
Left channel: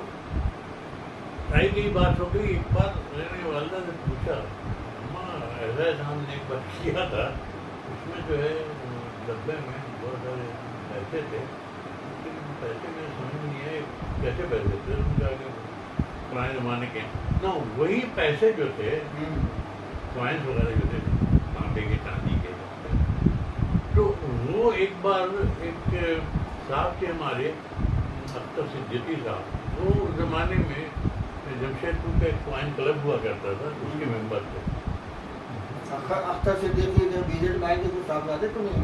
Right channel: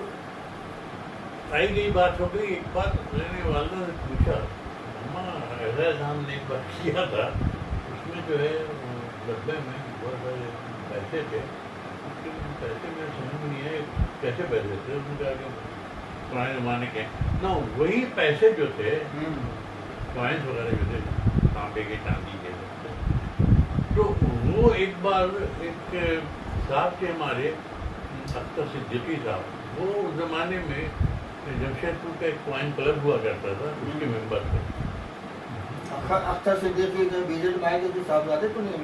آئی گئی بات ہو گئی، ایک بار میں نے والدہ سے پوچھا، اماں ایسا ہم نے ایک بار کیا تھا، اس میں جو ہے ڈبے میں بہت سارے پیسے تھے، پیسے میں سمجھ نہیں آئے کیسے پیسے تھے، اس میں پرانے زمانے کے نہ وہی پیسے جو تھے، کوائنس وغیرہ جو تھے تانبے کے چاندی کے، تو وہ ایک بار ایک صاحب تھے ہمارے اختر صدیقی صاحب، وہ اس زمانے میں جمشید پور کا ایک کوائن کلب ہوا کرتا تھا، اس کے ممبر تھے۔ اختر صدیقی بی جے پی کے صاحبزادے تو نہیں؟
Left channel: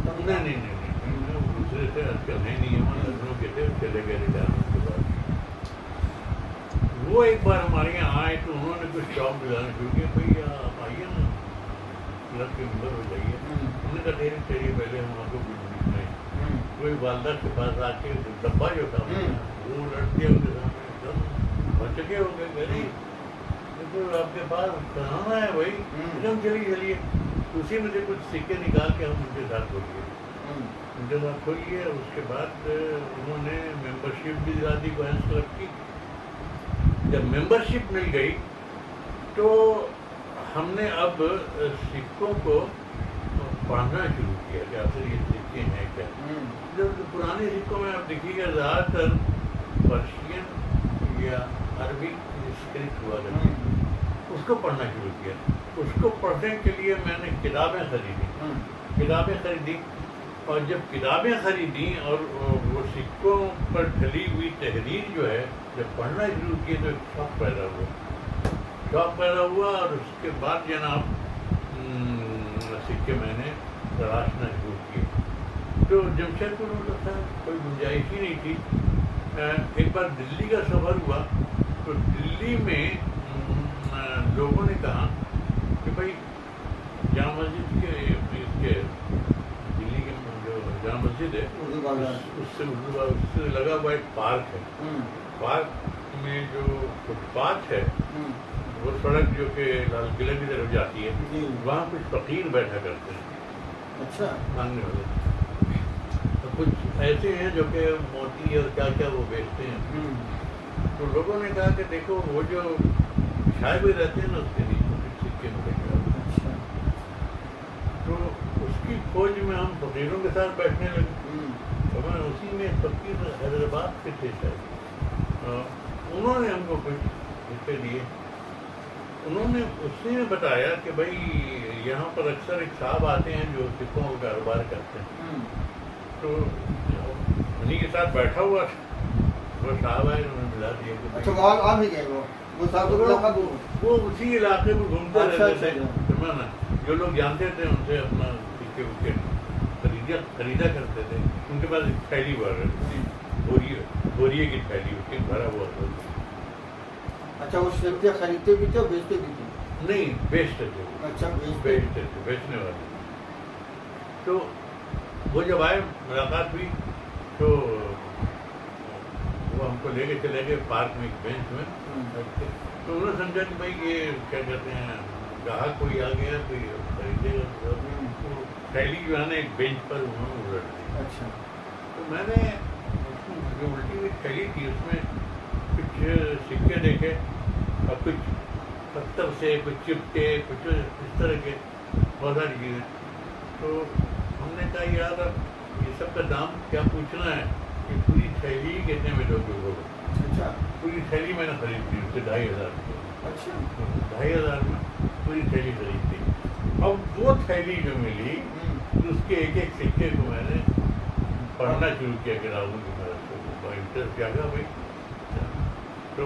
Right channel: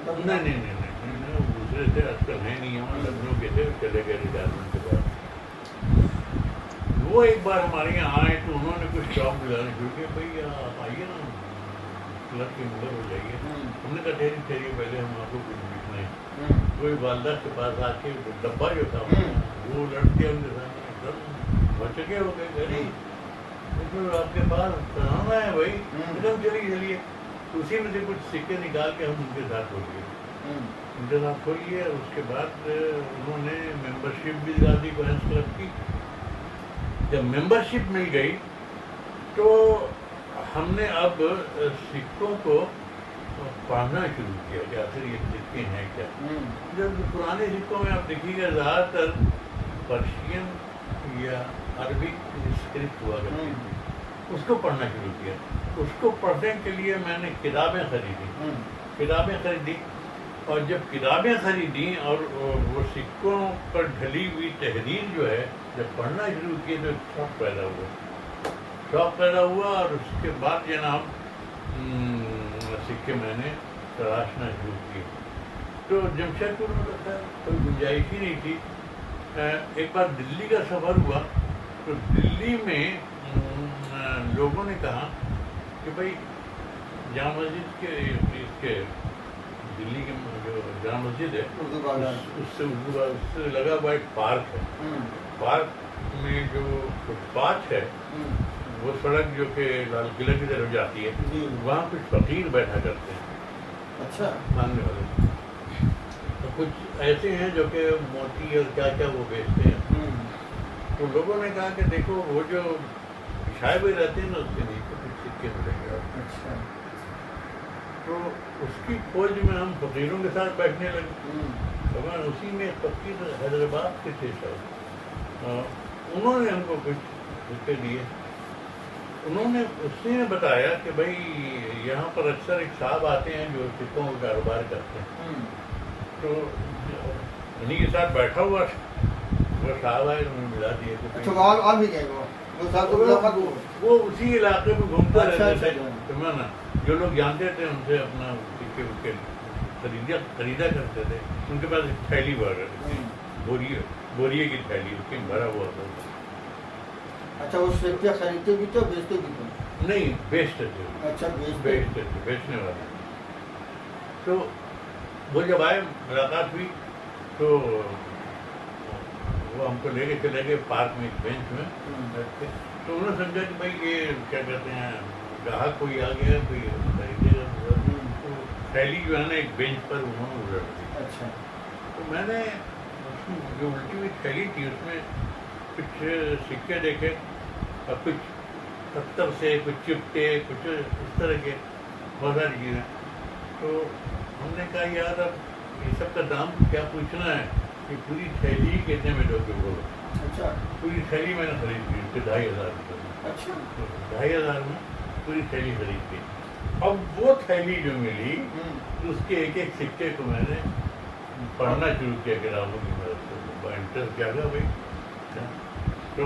دوسرے تھے، آج کل ہے نہیں، ہمارے لکھنؤ کے تھے، چلے گئے ریٹائرمنٹ کے بعد۔ وہ ایک بار ہمارے یہاں آئے تو انہوں نے کچھ شوق دلانا شروع کیا، بھائی آپ آئیے نا کلب کے ممبر ہو جائیے۔ ہم نے کہا ٹھہری چاہیے پہلے ہم آپ کو کچھ پوچھنا ہے۔ کوئی والدہ کے پاس آ کے ڈبہ جو تھا وہ لٹ دیا ان کے سامنے، ایک دم بچکے ہو گئے، آپ کے پاس کہاں ہے بھائی، ایک دم چلیے، اسی میں سے کچھ سکے نکال کے ہم ان کے ساتھ ہو گئے۔ انتظام کھولیے. اس کے بعد انہوں نے ممبرشپ بھی دلا دی کوہینز کلب کی. جب ممبرشپ مل گئی تو ہم نے اب سکوں کو پڑھنا شروع کیا کہ آخر یہ سکے ہیں کیا. جب پرانے سکوں میں آپ دیکھیے گا زیادہ تر پرشین یا عربی اسکرپٹ ہوا کرتی تھی, اس کو پڑھنا شروع کیا. اس کو پڑھنے کے لیے میں نے کتابیں خریدی, اور جب کتابیں خریدی اور وہ سکوں پر ڈھلی ہوئی تحریر جو ہے جب پڑھنا شروع کی تو ایک شوق پیدا ہوا. اور اس کے بعد جناب سکے میں نے تلاشنا شروع کیے. تو جمشید پور میں تھا, کوئی گنجائش ہی نہیں تھی. ایک بار دلی کا سفر ہوا تو دلی میں لوگوں نے کہا کہ بھائی جامع مسجد کے اس کے دلی کے جو جامع مسجد ہے اس سے لگا ہوا ایک پارک ہے. پارک میں جو فٹ پاتھ ہے وہ سڑک جو کہ لال قلعہ کی طرف جاتی ہے, وہاں کچھ فقیر بیٹھا کرتے ہیں. اچھا. مانگنے والے کچھ ایسے ہیں جو کہ موتی اور کیا کیا وہ بیچتے ہیں. تو لوگوں نے کہا کہ دیکھو وہ جو بچھائے ہوئے رہتے ہیں نا اس کے نیچے کچھ سکے ملے گا. تو اس کی کھوج میں ہم فقیروں کے ساتھ بیٹھنے لگے. تو میں اسی میں فقیر حیدرآباد کے تھے شاید, انہوں نے ہم کو کچھ سکے دیے. انہوں نے اسی میں بتایا کہ بھائی یہاں پر اکثر ایک صاحب آتے ہیں جو سکوں کا کاروبار کرتے ہیں. تو انہیں کے ساتھ بیٹھا ہوا وہ صاحب آئے, انہوں نے ملا دیے. وہ اسی علاقے میں گھومتا رہتا تھے. تو نا جو لوگ جانتے تھے ان سے اپنا سکے وکے خریدا کرتے تھے. ان کے پاس ایک تھیلی ہوا کرتی تھی, بوریے کی تھیلی, اس کے بھرا ہوا تھا. اچھا, وہ سکے خریدتے بھی تھے, بیچتے بھی تھے؟ نہیں, بیچتے تھے. اچھا, بیچتے تھے, بیچنے والے. تو وہ جب آئے ملاقات ہوئی تو وہ ہم کو لے کے چلے گئے پارک میں ایک بینچ میں. تو انہوں نے سمجھا کہ بھائی یہ کیا کہتے ہیں گاہک کوئی آ گیا, کوئی خریدے گا. تو تھیلی جو ہے نا ایک بینچ پر انہوں نے الٹ دی. اچھا. تو میں نے اس میں جو الٹی ہوئی تھیلی تھی اس میں کچھ سکے دیکھے اور کچھ پتھر سے, کچھ چپٹے, کچھ اس طرح کے بہت ساری چیزیں. تو ہم نے کہا یار اب یہ سب کا دام کیا پوچھنا ہے, کہ پوری تھیلی ہی کتنے میں دو گے. اچھا. پوری تھیلی میں نے خرید لی, اس کے 2,500 روپئے. اچھا. 2,500 میں پوری تھیلی خرید لی. اب وہ تھیلی جو ملی اس کے ایک ایک سکے کو میں نے پڑھنا شروع کیا کتابوں کی مدد سے. انٹرسٹ کیا تھا بھائی. تو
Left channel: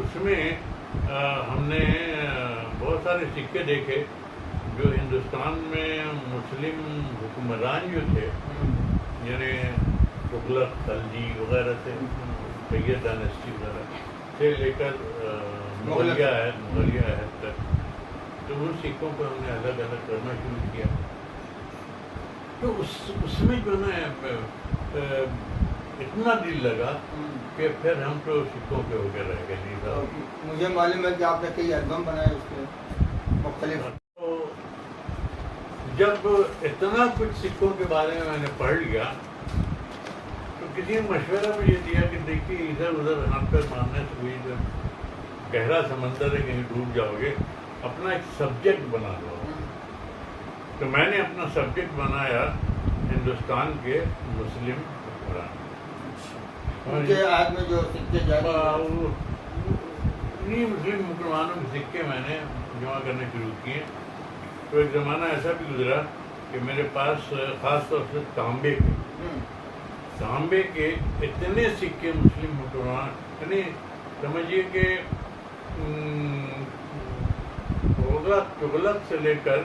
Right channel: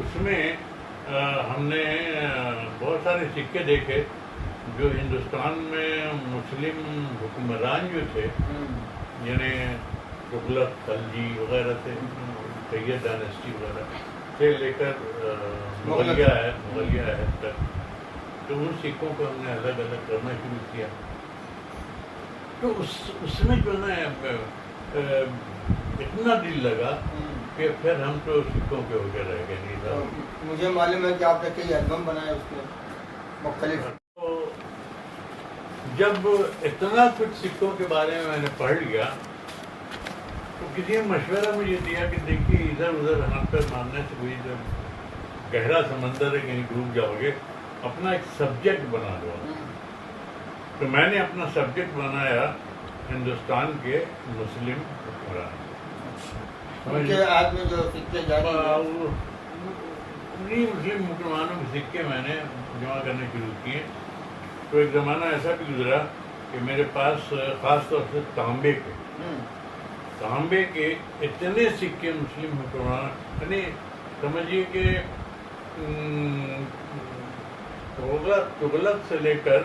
اس میں ہم نے بہت سارے سکے دیکھے جو ہندوستان میں مسلم حکمران جو تھے, یعنی تغلق, خلجی وغیرہ سے, سید ڈائنسٹی وغیرہ سے لے کر مغلیہ عہد تک, تو ان سکوں کو ہم نے الگ الگ کرنا شروع کیا. تو اس میں جو نا اتنا دل لگا کہ پھر ہم تو سکوں کے ہو کے رہ گئے. نہیں, مجھے معلوم ہے کہ آپ نے کئی البم بنائے اس میں مختلف. جب اتنا کچھ سکوں کے بارے میں نے پڑھ لیا تو کسی نے مشورہ مجھے دیا کہ دیکھیے ادھر ادھر ہاتھ پہ مارنے سے کوئی گہرا سمندر ہے, کہیں ڈوب جاؤ گے, اپنا ایک سبجیکٹ بنا لو. تو میں نے اپنا سبجیکٹ بنایا ہندوستان کے مسلم حکمران. مسلم مسلمانوں کے سکے میں نے جمع کرنے شروع کیے. تو ایک زمانہ ایسا بھی گزرا کہ میرے پاس خاص طور سے تانبے کے اتنے سکے مسلم حکمران, یعنی سمجھیے کہ تغلق سے لے کر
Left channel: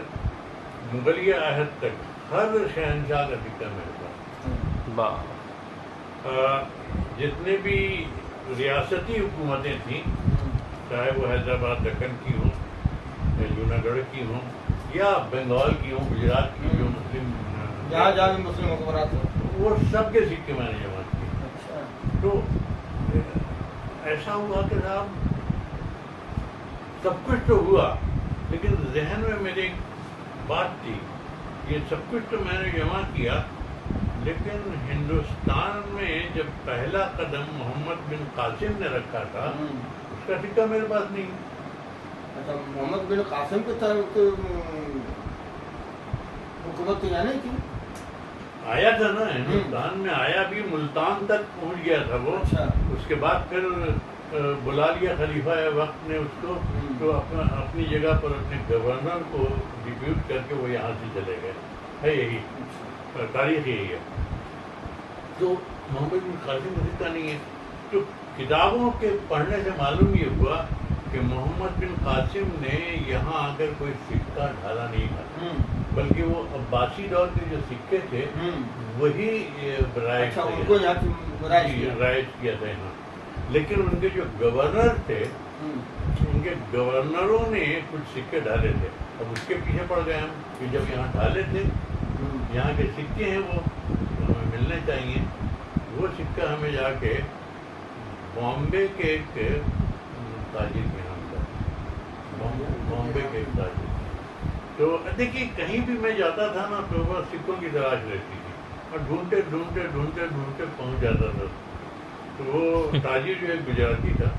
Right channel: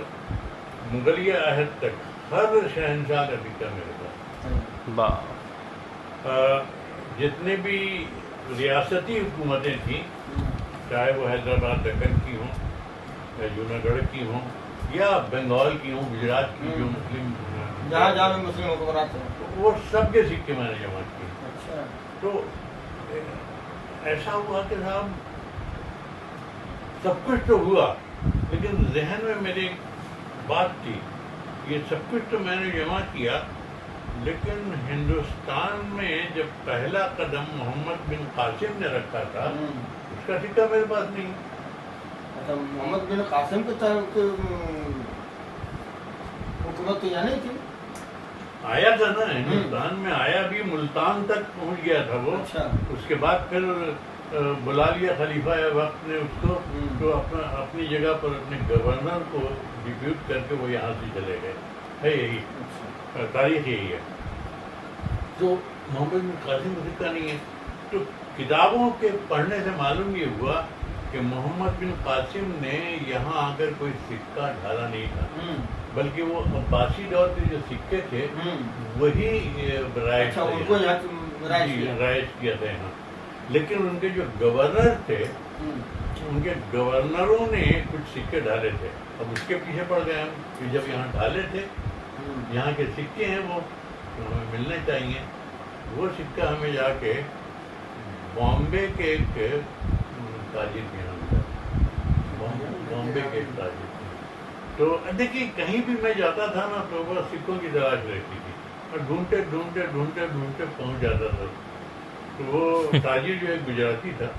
مغلیہ عہد تک ہر شہنشاہ کا سکہ میرے پاس. جتنے بھی ریاستی حکومتیں تھیں, چاہے وہ حیدرآباد دکن کی ہوں یا جوناگڑھ کی ہوں یا بنگال کی ہوں, گجرات کی جو مسلم جہاں جہاں مسلم حکمران تھے, وہ سب کے سکے میں نے جمع کیے. تو ایسا ہوا کہ صاحب سب کچھ تو ہوا, لیکن ذہن میں میری ایک بات تھی, یہ سب کچھ تو میں نے جمع کیا, لیکن ہندوستان میں جب پہلا قدم محمد بن قاسم نے رکھا تھا اس کا سکہ میرے پاس نہیں. اچھا محمد بن قاسم کے تحت حکومت تو یہاں نہیں تھی. آیا تھا نا ہندوستان میں، آیا بھی ملتان تک پہنچ گیا تھا وہ. اچھا. اس کے بعد پھر بلا لیا خلیفہ وقت نے اس کو، تو اپنی جگہ پر اپنے گورنر کو ڈپیوٹ کر کے وہ یہاں سے چلے گئے. ہے یہی تاریخ یہی ہے. تو محمد بن قاسم کا سکہ نہیں ہے. تو کتابوں کے پڑھنے سے معلوم یہ ہوا کہ محمد بن قاسم نے یہاں آ کر کوئی سکہ ڈھالا نہیں تھا، بلکہ وہ عباسی دور کے جو سکے تھے وہی رائج کیا تھا یہاں. لیکن ان کے جو گورنر تھے ان کے گورنروں نے کچھ سکے ڈالے تھے. اب اس کے پیچھے پڑ گئے ہم کہ جب یہاں ڈالے تھے یہاں کے سکے ہیں وہ ہمیں ملنے چاہیے. وہ سکہ ہمیں جا کے بامبے کے ایک تاجر کے یہاں ملا. بامبے کے ایک تاجر. تو دیکھیے کہیں بھی میں جاتا تھا نا تو وہ سکوں کی تلاش رہتی تھی، اور ڈھونڈتے ڈھونڈتے ڈھونڈتے ڈھونڈتے پہنچ جاتا تھا. تو وہ تاجر جو ایک گجراتی تھا،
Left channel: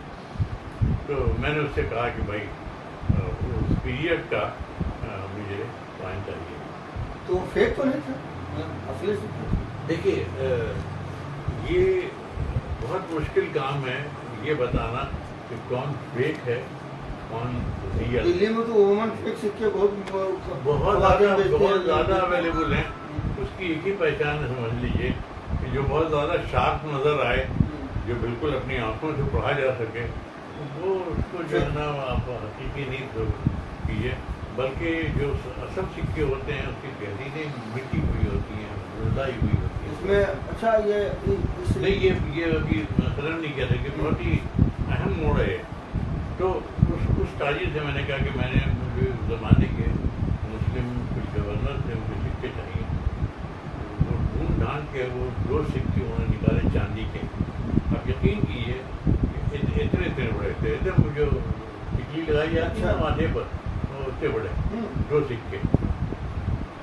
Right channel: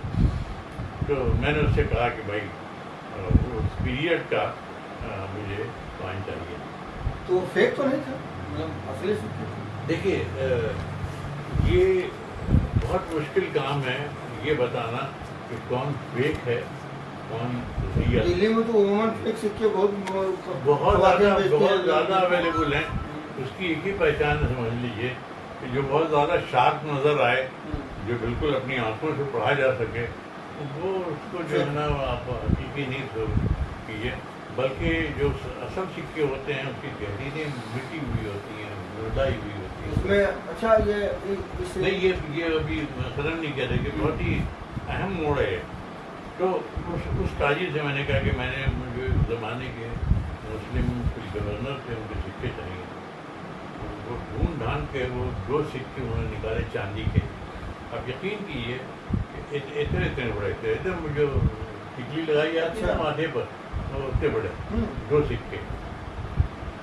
تو میں نے اس سے کہا کہ بھائی اس پیریڈ کا مجھے کوائن چاہیے. تو فیک تو نہیں تھا اصلی سے؟ دیکھیے یہ بہت مشکل کام ہے یہ بتانا کہ کون فیک ہے کون ریئل. دلی میں تو عموماً فیک سکے بہت زیادہ اویلیبل ہیں. اس کی ایک ہی پہچان ہے سمجھ لیجیے کہ جو بہت زیادہ شارپ نظر آئے، جو بالکل اپنی آنکھوں سے پڑھا جا سکے، وہ اس کو جو ہے نا آپ حقیقی نہیں کیجیے. بلکہ جو اصل سکے ہوتے ہیں اس کی تحریریں مٹی ہوئی ہوتی ہیں، مردائی ہوئی ہوتی ہیں. اس میں اچھا یہ نہیں یہ ابھی مثلاً نہیں کہتے کہ بہت ہی اہم موڑ ہے. تو اس تاجر سے میں نے کہا کہ میں نے مجھے زمانے کے مسلم کچھ گورنر تھے ان کے سکے چاہیے. وہ ڈھونڈ ڈھانڈ کے وہ 2 سکے انہوں نے نکالے چاندی کے. آپ یقین کیجیے اتنے بڑے تھے، جو ٹکلی لگائی جاتی ہے نا ماتھے پر، اتنے بڑے 2 سکے.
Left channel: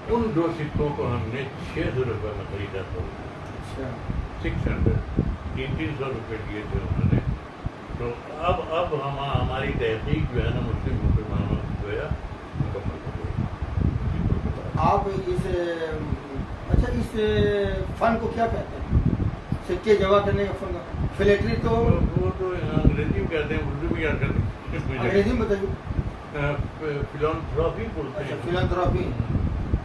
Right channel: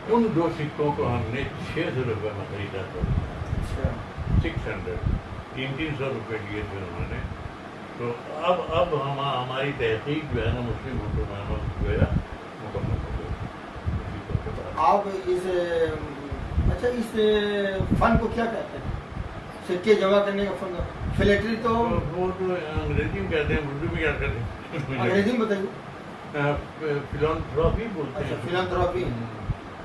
ان 2 سکوں کو ہم نے 600 روپے میں خریدا تھا. 600 300 روپے دیے تھے انہوں نے. تو اب ہماری تحقیق جو ہے نا مسلم مسلمانوں جو ہے مکمل ہو گئی. آپ اچھا اس فن کو کیا کہتے ہیں؟ سکے جمع کرنے کا فن. فلیٹری تو وہ تو انگریزی میں کہتے ہیں، اردو میں کیا کہتے ہیں؟ انگریزی میں بتائیے. فلانتھراپی بولتے ہیں. فلانتھراپی.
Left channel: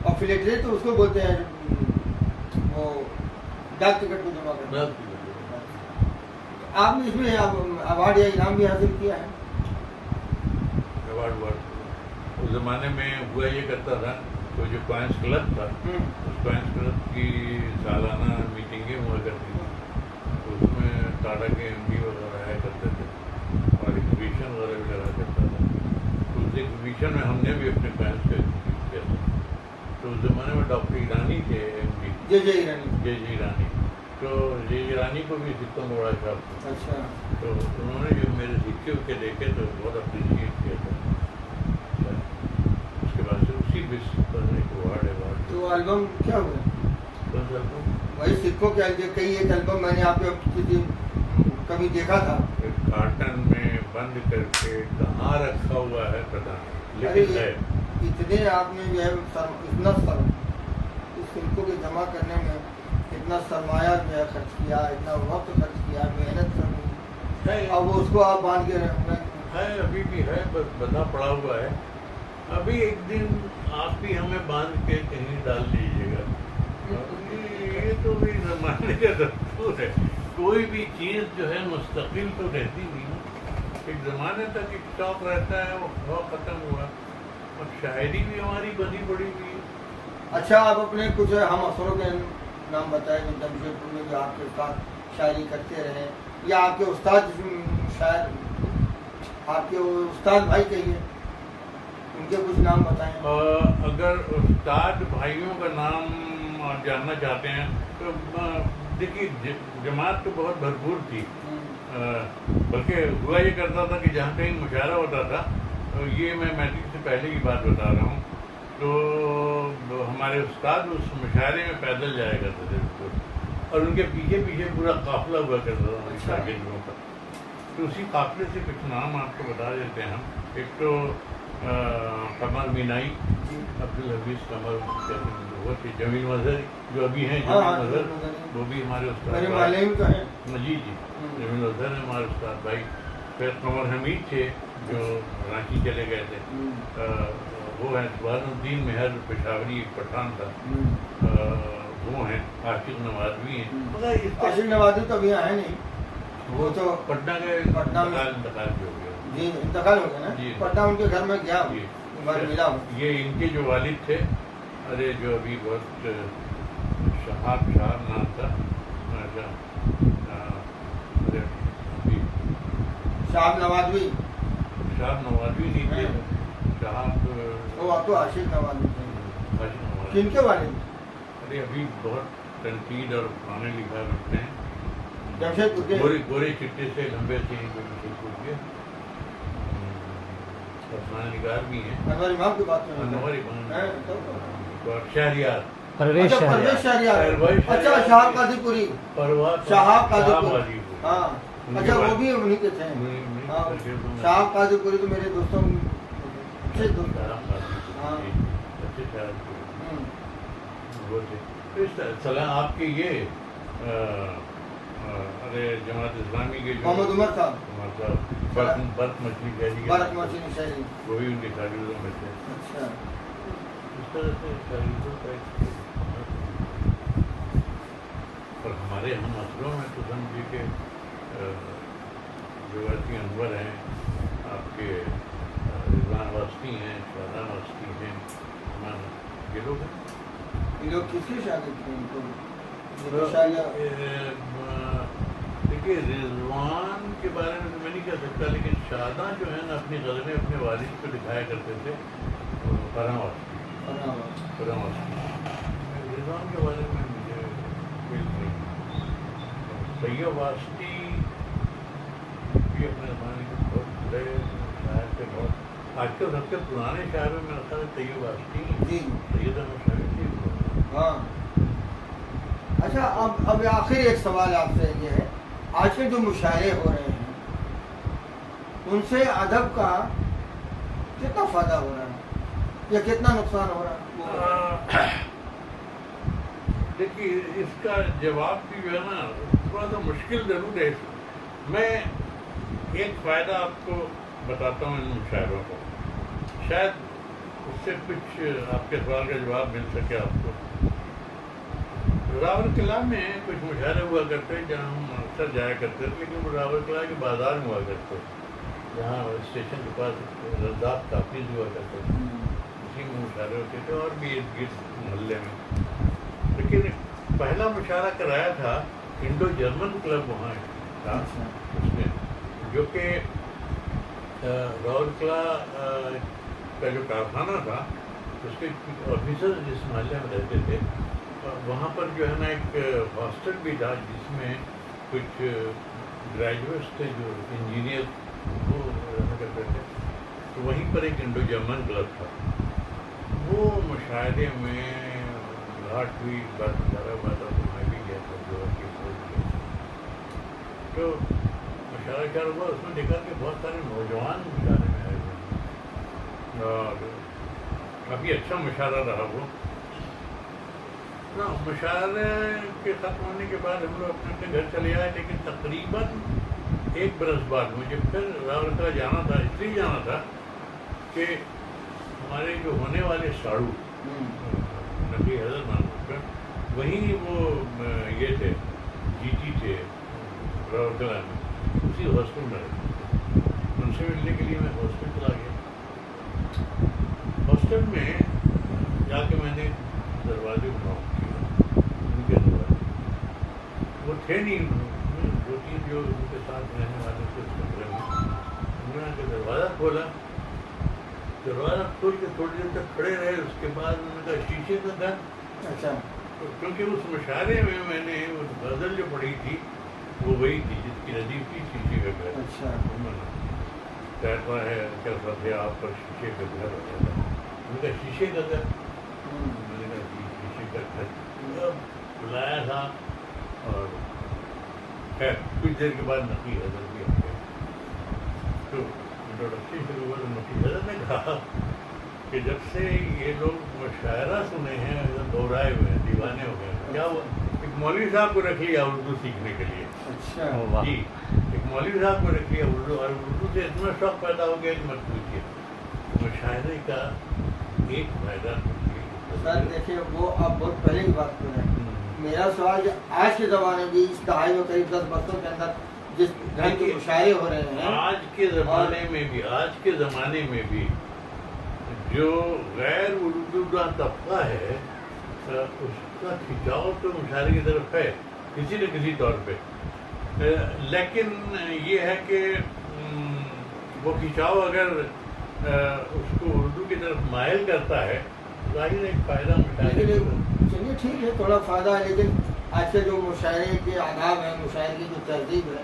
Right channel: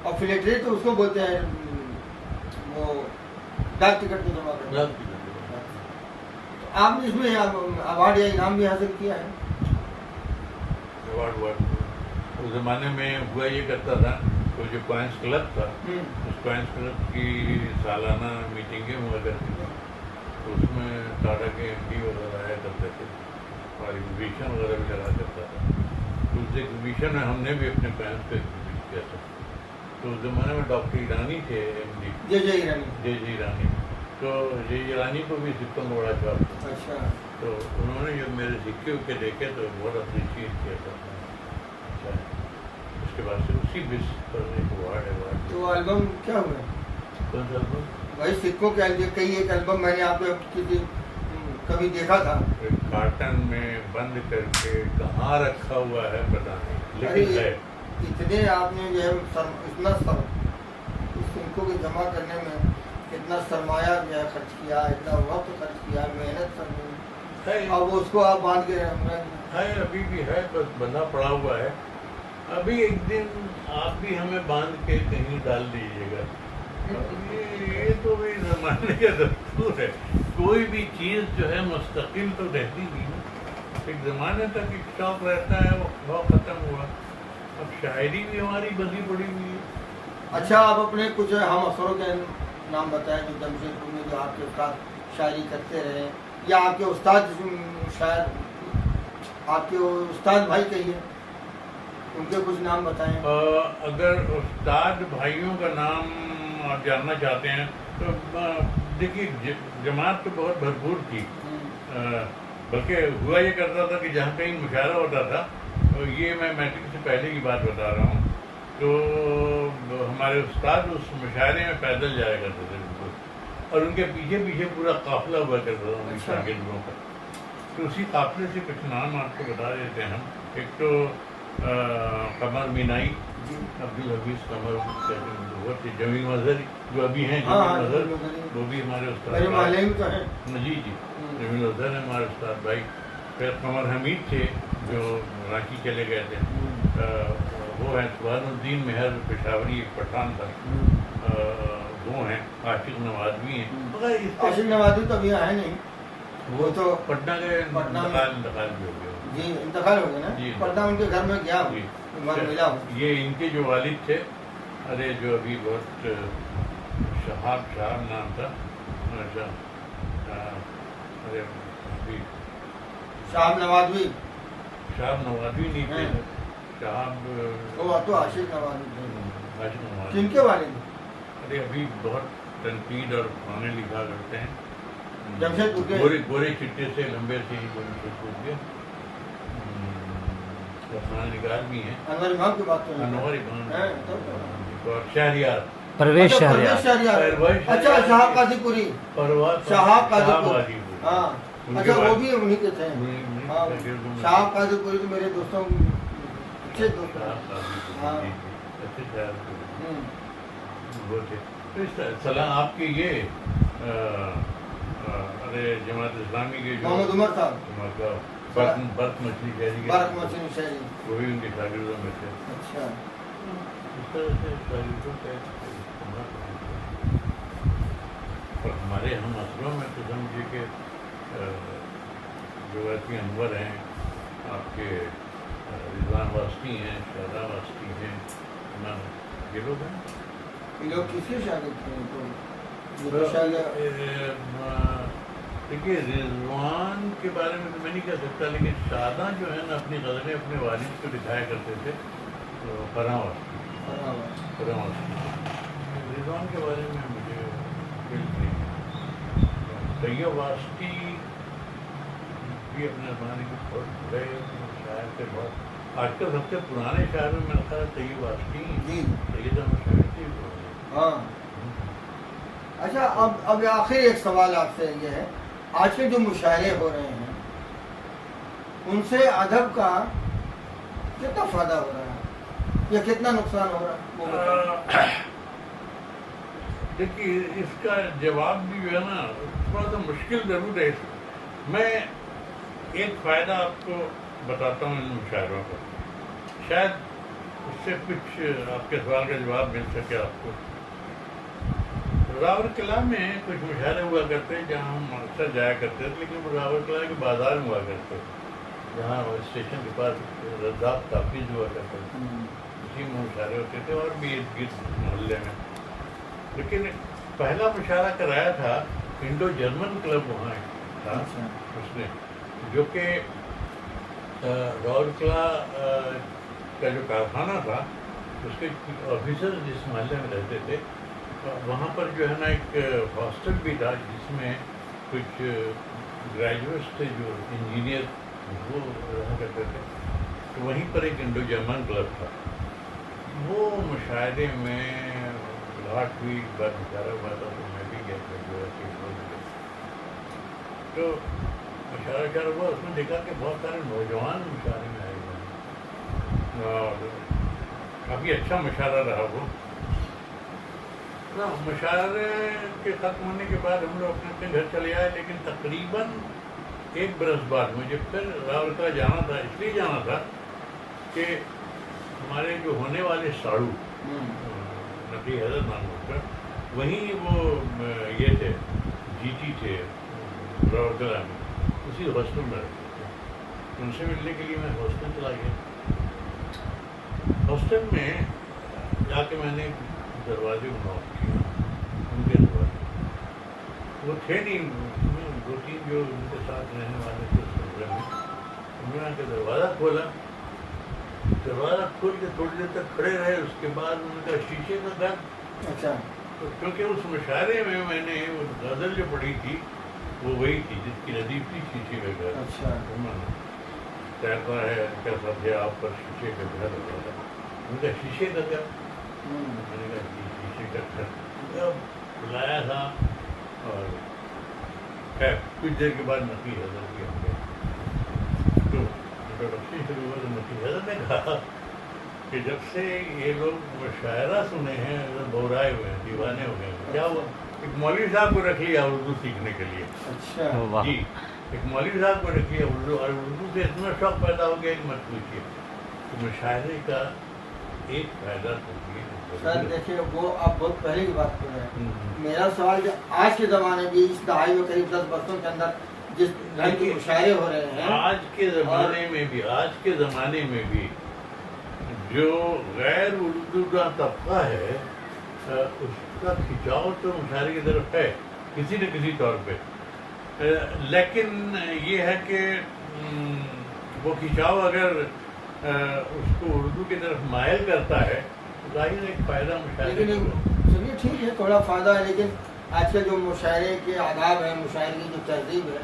اور فلیٹری تو اس کو بولتے ہیں وہ ڈاک ٹکٹ کو جمع کرنا. آپ نے اس میں ایوارڈ یا انعام بھی حاصل کیا ہے؟ ایوارڈ اس زمانے میں ہوا یہ کرتا تھا تو جو کوائنس کلب تھا اس کوائنس کلب کی سالانہ میٹنگیں ہوا کرتی تھیں. تو اس میں ٹاٹا کے ایم ڈی وغیرہ آیا کرتے تھے اور ایگزیبیشن وغیرہ بھی لگا کرتا تھا. تو اس ایگزیبیشن میں ہم نے بھی اپنے کوائنس کو ایگزیبٹ کیا تھا. تو اس زمانے میں ڈاکٹر ایرانی تھے ایم ڈی، جے ایرانی. تو جے ایرانی کو بھی سکوں میں بڑا شوق تھا. اچھا. تو انہوں نے جو میرے سکے کے دیکھے تو بہت اپریشیٹ کیا تھا. اس کے بعد سے اسی بیس پر ایک ایوارڈ. تو البم کیا ہوئے؟ کون سا البم؟ وہی سکوں کے کئی ایک البم میں نے آپ کو کبھی دیکھا تھا. ایک کارٹن میں بند کر کے کہاں رکھا ہوا ہے پتہ نہیں، لیکن ہے. اتنے آپ نے جو ہے اتنا اس سکوں کے جمع کرنے میں اتنا سرمایہ جو ہے خرچ کیا، اتنا وقت خرچ کیا، محنت کرنی، اب اس کو آپ باندھ کے ہے ابھی بھی ہے، بس بندہ پڑا ہوا ہے. ابھی ایک دن آپ بھی ہمیں باندھ کے کہیں ڈال دیجیے گا. یہ تو بھی زمانے کا دستور ہے. کوئی بھی چیز جو ہے مستقل تو رہتی نہیں. ایک زمانے تک ایک شوق رہتا ہے، وہ ختم ہوا. اب شاعری بھی ہماری بدی پڑی ہوئی ہے. اچھا آپ اپنے کچھ ہم افسروں کے نام بتائیں جو جمشید میں جو آپ کے ساتھ شاعری کرتے رہے، یا آپ کے استاد شاعر، آپ کے استاد بھائی کہیے، ان کے کچھ نام بتائیں. اگر استاد بھائیوں کا نام آپ جاننا چاہتے ہیں تو دیکھیے جماعت تو بہت بھرپور تھی. بلکہ ہوا یہ کرتا تھا کہ جہاں کہیں مشاعرہ ہوتا تھا، یہ میں میٹرک سے پہلے کی بات بتا رہا ہوں، تو ہمارے استاد اس مشاعرے میں پیدل جایا کرتے تھے بالکل، اور ان کے پیچھے پیچھے پورا قافلہ ہوا کرتا تھا شاگردوں کا. تو اسی قافلے سے کچھ نام آپ کو بتا دیتے ہیں ہم. ایک تو قمر مینائی، عبدالحفیظ قمر کہتے ہیں، وہ تھے. جمیل مظہر جو ابھی ہیں، جمیل مظہر وہ بھی ہمارے استاد بھائی. جی جی، جمیل مظہر ہے ہمارے استاد بھائی. پھر قمر حمید تھے جو رانچی چلے گئے تھے. وہ ہیں سبحان الدین مہر پشاوری، ایک پٹھان تھا. وہ ہیں عاشق نوازوی ہیں. عاشق نوازوی تو ابھی آئے نہیں، وہ تو پٹنہ کے انتقال بھی ہو گیا. جی انتقال ہو گیا نا. پٹنہ ان کے گھر میں گیا، ملا. یہ ان کے جو والد تھے، ارے جو ابھی بہت شہاب نام تھا. ارے شہاب نوازوی نہیں تھے. شہاب وہ تو عاشق نوازوی تھے. کن کے والد؟ ارے ابھی بہت تنقید اور پرانے لکھا کرتے ہیں. جمشید پور گورے چٹے سے لمبے سے ہی جمشید پور کے پرانے نگار بھی ہیں. انور امام کی بات کریں. انور امام اور شہریار پرویز شہریار. اچھا شہاب قاضی پوری. شہاب قاضی پوری. ہاں اچھا وہ بھی انہیں کے تھے. شہاب قاضی پوری تو میرے دوستوں اچھے دوست. سلام آپ کے یہ ارے جماعت اسلامی کے جو محمد عمر صاحب برق مچھلی شہری، وہ بھی ان کے شاگردوں میں تھے. اچھا اس طرح سے شاگردوں کا اور ہمارے ہم اثروں میں تو سمجھے کہ جو انور ہیں، آپ کے رضوان واسطی ہیں، شاہدہ واسطی ہیں، یہ لوگ ہیں. لوگ کس کی شاگرد تھے؟ دیکھیے رضوان کے بارے میں تو میں نہیں کہہ سکتا، لیکن شاداں جو ہے نا اپنی غزلیں اپنے والد کو دکھایا کرتے تھے. فرحاں واسطی. رضوان کے بارے میں مجھے علم نہیں ہے. طیب واسطی بھی اپنے زمانے کے بہت بڑے شاعر تھے. بہت آج کل سب سے پرانے شاعروں میں رکھا ہے طیب واسطی. سید احمد شاعر تھی. ہاں اچھا اب آخر ایک سوال آپ سے یہ ہے، آج کے جو مشاعرے ہو رہے ہیں ان سے ادب کا کتنا فائدہ ہو رہا ہے یا کتنا نقصان ہو رہا ہے؟ دیکھیے اس کا جواب بھی جو ہے نا تھوڑا سا مشکل ضرور ہے. میں ایک فائدہ آپ کو بتاتا ہوں ان مشاعروں کا، شاید اس سے کچھ آپ کے سوال کا جواب مل سکے آپ کو. راول قلعہ میں کچھ مشاعرے ہوا کرتے جہاں ہم اکثر جایا کرتے تھے، لیکن راول قلعہ کے بازار میں ہوا کرتے جہاں اسٹیشن کے پاس رضاف تحفظ ہوا کرتے تھے، اسی میں مشاعرے ہوتے تھے اور بھی ارد گرد محلے میں. لیکن پہلا مشاعرہ کرایا تھا انڈو جرمن کلب وہاں تھا اس نے، جو کہ راول قلعہ کا جو کارخانہ تھا اس کے آفیسر جس محلے میں رہتے تھے وہاں پر جو ہے نا ایک ہاسٹل بھی تھا جس میں کچھ گریجویٹس تھے جو انجینئر وہ رہا کرتے تھے. تو وہیں پر ایک انڈو جرمن کلب تھا. وہ مشاعرے میں گھاٹ ہوئی بات اشارہ ہوا تھا تو میں بھی گیا تھا جو ہے تو مشاعرہ ہوا. اس میں دیکھا کہ بہت سارے نوجوان مشاعرے میں آئے ہوئے اور کافی اچھا مشاعرہ رہا وہ. مشاعرے کے ختم ہونے کے بعد ہم لوگ اپنے اپنے گھر چلے آئے، لیکن تقریباً 1 برس بعد مجھے پھر راول قلعہ جانا تھا. اس لیے جانا تھا کہ ہمارے جو ہونے والے ساڑو نبی حضرت نام وہیں وہ یہ تھے جیتی تھے راول قلعہ میں، اسی ہاسٹل میں رہتے تھے. ان سے ملنے کے لیے میں ہاسٹل چلا گیا. ہاسٹل میں جا کے میں نے دروازے نوک کیا، ان کے دروازے وہ تھے نہیں، 2-3 جو ان کے ساتھ رہنے والے تھے اس کمرے میں. انہوں نے دروازہ کھولا، دروازہ کھول کے تھوڑی دیر تک کھڑے رہے. اس کے بعد ان کا شیشے کا گھر. اچھا کیونکہ اس مشاعرے میں نے غزل جو پڑھی تھی وہ وہی تھی جس کی ردیف تھی شیشے کا گھر. اچھا کہتا ہے کیا سب ہے آپ پر شیشے کا گھر وغیرہ. کہا شیشے کا گھر. میں نے کہا شیشے کا گھر. بلایا تھا اور خیر کچھ دیر کے بعد نقی حضرت کی ہم گئے. تو انٹروڈکشن شروع ہوا تو نقی حضرت نے کہا کہ جب سے یہ لوگ مشاعرہ سنے ہیں ایک بورائے ہوئے ہیں, دیوانے ہو گئے ہیں. کیا ہوا؟ ایک مولوی صاحب کو رکھ لیا اردو سیکھنے کے لیے. اچھا جی, ایک مولوی صاحب کو رکھ لیا اردو, اور اردو سے اتنا شوق پیدا ہو گیا کہ مت پوچھیے. مشاعرے کا ایک فائدہ سر دیکھیے, وہ آپ بہت پہلے کی بات کر رہے ہیں. میرا سوال جو آج کے زمانے میں اس دہائی میں قریب 10 برسوں کے اندر جس ڈھنگ کے مشاعرے ہو رہے ہیں, آج کے زمانے میں بھی جو غیر اردو کا طبقہ ہے اس کا کھنچاؤ تو مشاعرے کی طرف ہے کسی نہ کسی طور پہ. لیکن یہ ہے کہ وہ کھنچاؤ اگر اس کو اردو کی طرف مائل کرتا ہے ظاہر ایک فائدہ مشاعرے. چلیے ٹھیک ہے, تھوڑا فائدہ ہے, لیکن آج کے جو مشاعرے کے آداب ہیں, مشاعرے کی جو تہذیب ہے,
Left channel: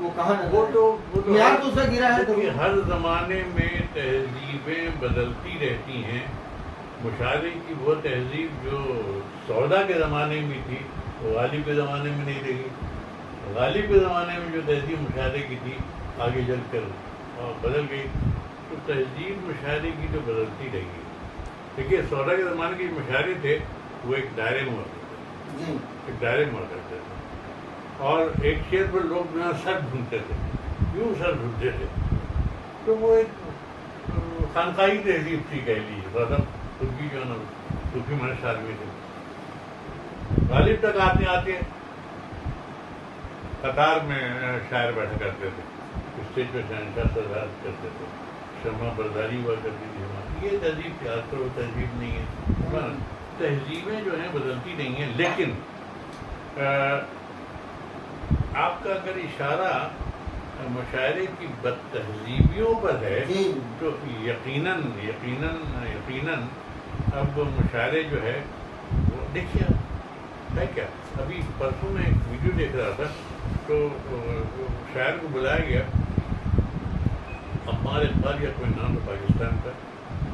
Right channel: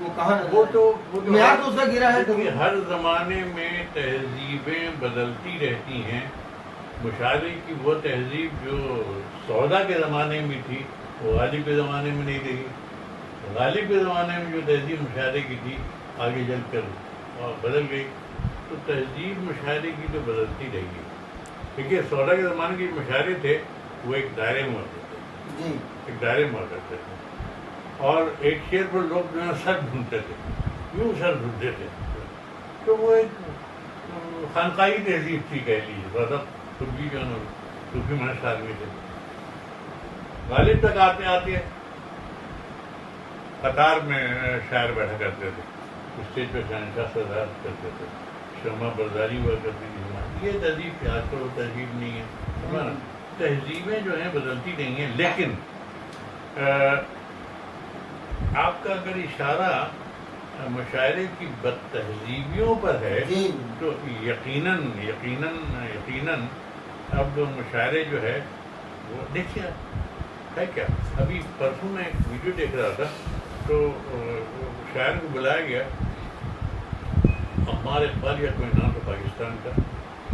وہ کہاں وہ تو معیار تو اس کا گرا ہے. دیکھیے, ہر زمانے میں تہذیبیں بدلتی رہتی ہیں. مشاعرے کی وہ تہذیب جو سودا کے زمانے میں تھی وہ غالب کے زمانے میں نہیں رہی. غالب کے زمانے میں جو تہذیب مشاعرے کی تھی آگے چل کر بدل گئی. تو تہذیب مشاعرے کی تو بدلتی رہی ہے. دیکھیے, سودا کے زمانے کے مشاعرے تھے وہ ایک دائرے میں ہوتے تھے, ایک دائرے میں کرتے تھے, اور ایک شعر پر لوگ جو ہے سر ڈھونڈتے تھے, یوں سر ڈھونڈتے تھے. تو وہ ایک خانقاہی تہذیب تھی کہہ لیجیے. زیادہ صوفی جو ہے نا صوفی مہش آدمی تھے. غالب تک آتے قطار میں شاعر بیٹھا کرتے تھے, اسٹیج پہ شہنشاہ صدارت کرتے تھے, شمع برداری ہوا کرتی تھی. یہ تہذیب تھی. آج کل وہ تہذیب نہیں ہے. تہذیبیں جو ہیں بدلتی نہیں ہیں, لیکن آپ کا اگر اشارہ مشاعرے کی بد تہذیبیوں پر ہے تو یقیناً اب مشاعرے جو ہے وہ دیکھیے ہے کیا. ابھی پرسوں میں ایک ویڈیو دیکھ رہا تھا تو شاعر کو بلایا گیا, عمار اقبال یا کوئی نام ہے پاکستان کا.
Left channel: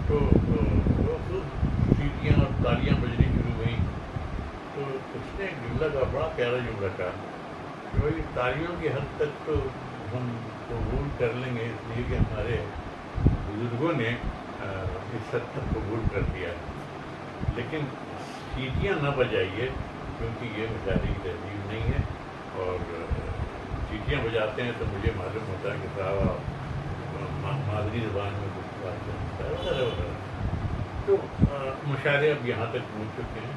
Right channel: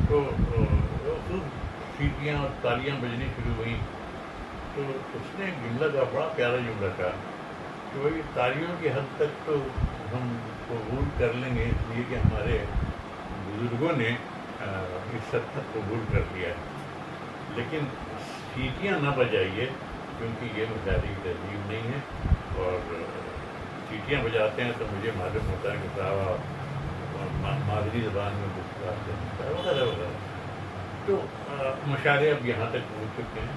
تو سیٹیاں اور تالیاں بجنی شروع ہوئیں. تو اس نے جملہ کا بڑا پیارا جملہ کہا کہ بھائی تالیوں کی حد تک تو ہم قبول کر لیں گے, اس لیے کہ ہمارے بزرگوں نے اس حد تک قبول کر دیا ہے, لیکن سیٹیاں نہ بجائیے کیونکہ یہ مشاعرے تہذیب نہیں ہے. اور سیٹیاں بجاتے ہیں تو مجھے معلوم ہوتا ہے کہ صاحب مادری زبان میں کچھ بات ہے وغیرہ وغیرہ. تو مشاعرے اب یہاں تک پہنچ چکے ہیں.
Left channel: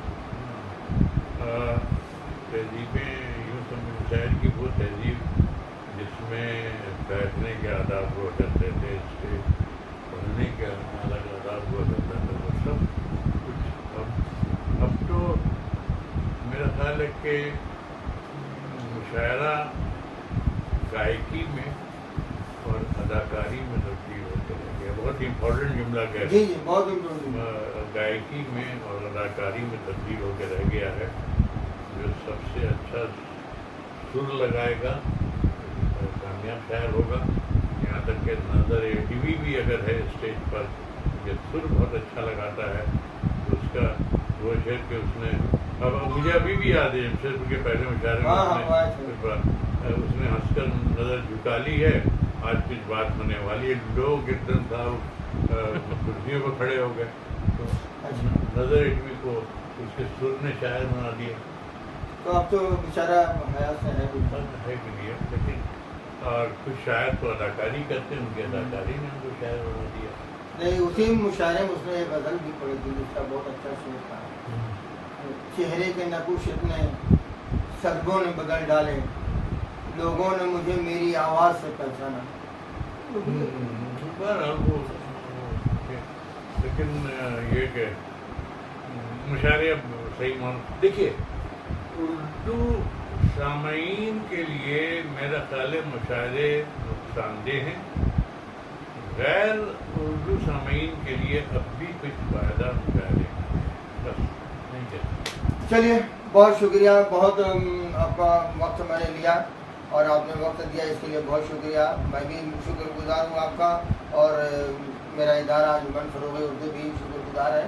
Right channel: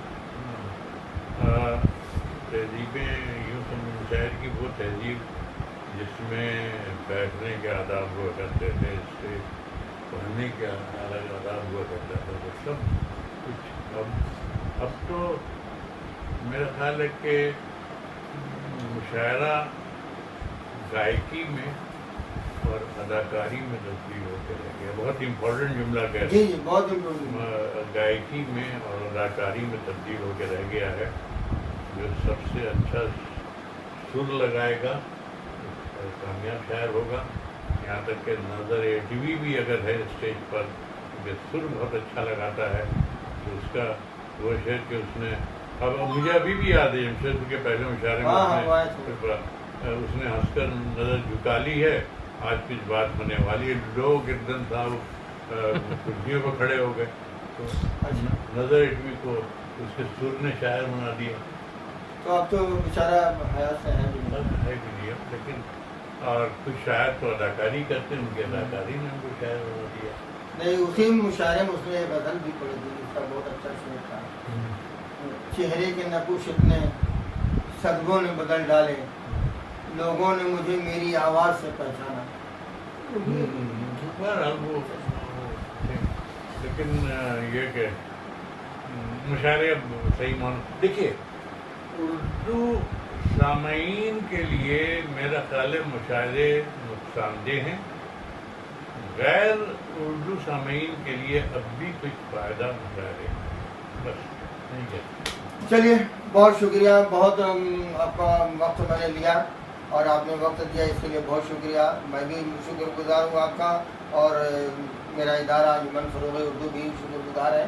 تہذیبیں یوں سمجھ, مشاعرے کی وہ تہذیب جس میں بیٹھنے کے آداب ہوا کرتے تھے, اسٹیج پڑھنے کے الگ آداب ہوا کرتا تھا, وہ سب کچھ اب تو میرا خیال ہے کہ مشاعرہ گائیکی میں اور اداکاری میں تبدیل ہوتے رہ گیا. بہت امپورٹنٹ جملہ کہتے ہیں, بہت امپورٹنٹ. گائیکی میں اور اداکاری میں تبدیل ہو کے رہ گیا ہے. جو سب سے اچھا سر لگائے گا کامیاب شاعر ہوگا. یہاں تک کہ نظر ٹی وی بھی اگر ہے اسٹیج پر کہ سر بہت اچھا لگاتا ہے تو اس کا وہ شعر کہ اس نے, اب مجھے ابھی بھی یاد ہے جمشید کے پہلے مشاعرے میں اس نے ہنس کر نظر جھکا لی ہے, آج کچھ بات ہونے والی ہے. لوگ ایک دم صاحب کرسیوں پہ کھڑے ہو گئے. تو نظر اٹوی کو اس کے سر نے شاعر بنا دیا. تو اب تو بیچارہ حیات سے ہے بھی نہیں, لیکن اور کچھ شاعر تو اداکاری کرتے ہیں, ان کی اداکاری نے ان کو شاعر بنا دیا. نہیں, اسی مشاعرے میں اس نے غزل بھی پڑھی تھی, اس کا بہت اچھا شعر تھا. چہرے کے نقوش اتنے صدموں نے بدل ڈالے, لوگوں نے مجھے میری آواز سے پہچانا. لیکن یہ کہ مشاعرے اب صحیح مان, دیکھیے اردو سامعین کے لیے میرا خیال ہے مشاعرے نقصان دہ ہیں. غیر اردو سامعین کے لیے اب بھی کچھ فائدہ مشاعرے بس نہیں کہتے. چلیے, بہت شکریہ, بہت آپ کا وقت میں نے لیا اور آپ نے وقت دیا, اس کے لیے بہت شکریہ. میں بھی شکر گزار ہوں آپ کا, اور میرا ادارہ انجمن فروغ اردو بھی شکر گزار ہے.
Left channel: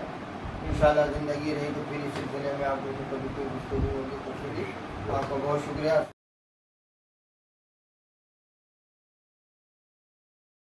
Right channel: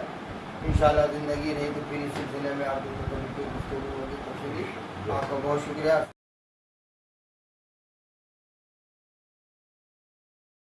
انشاءاللہ زندگی رہی تو پھر اس سلسلے میں آپ کو کبھی کوئی گفتگو ہوگی. تو پھر آپ کا بہت شکریہ.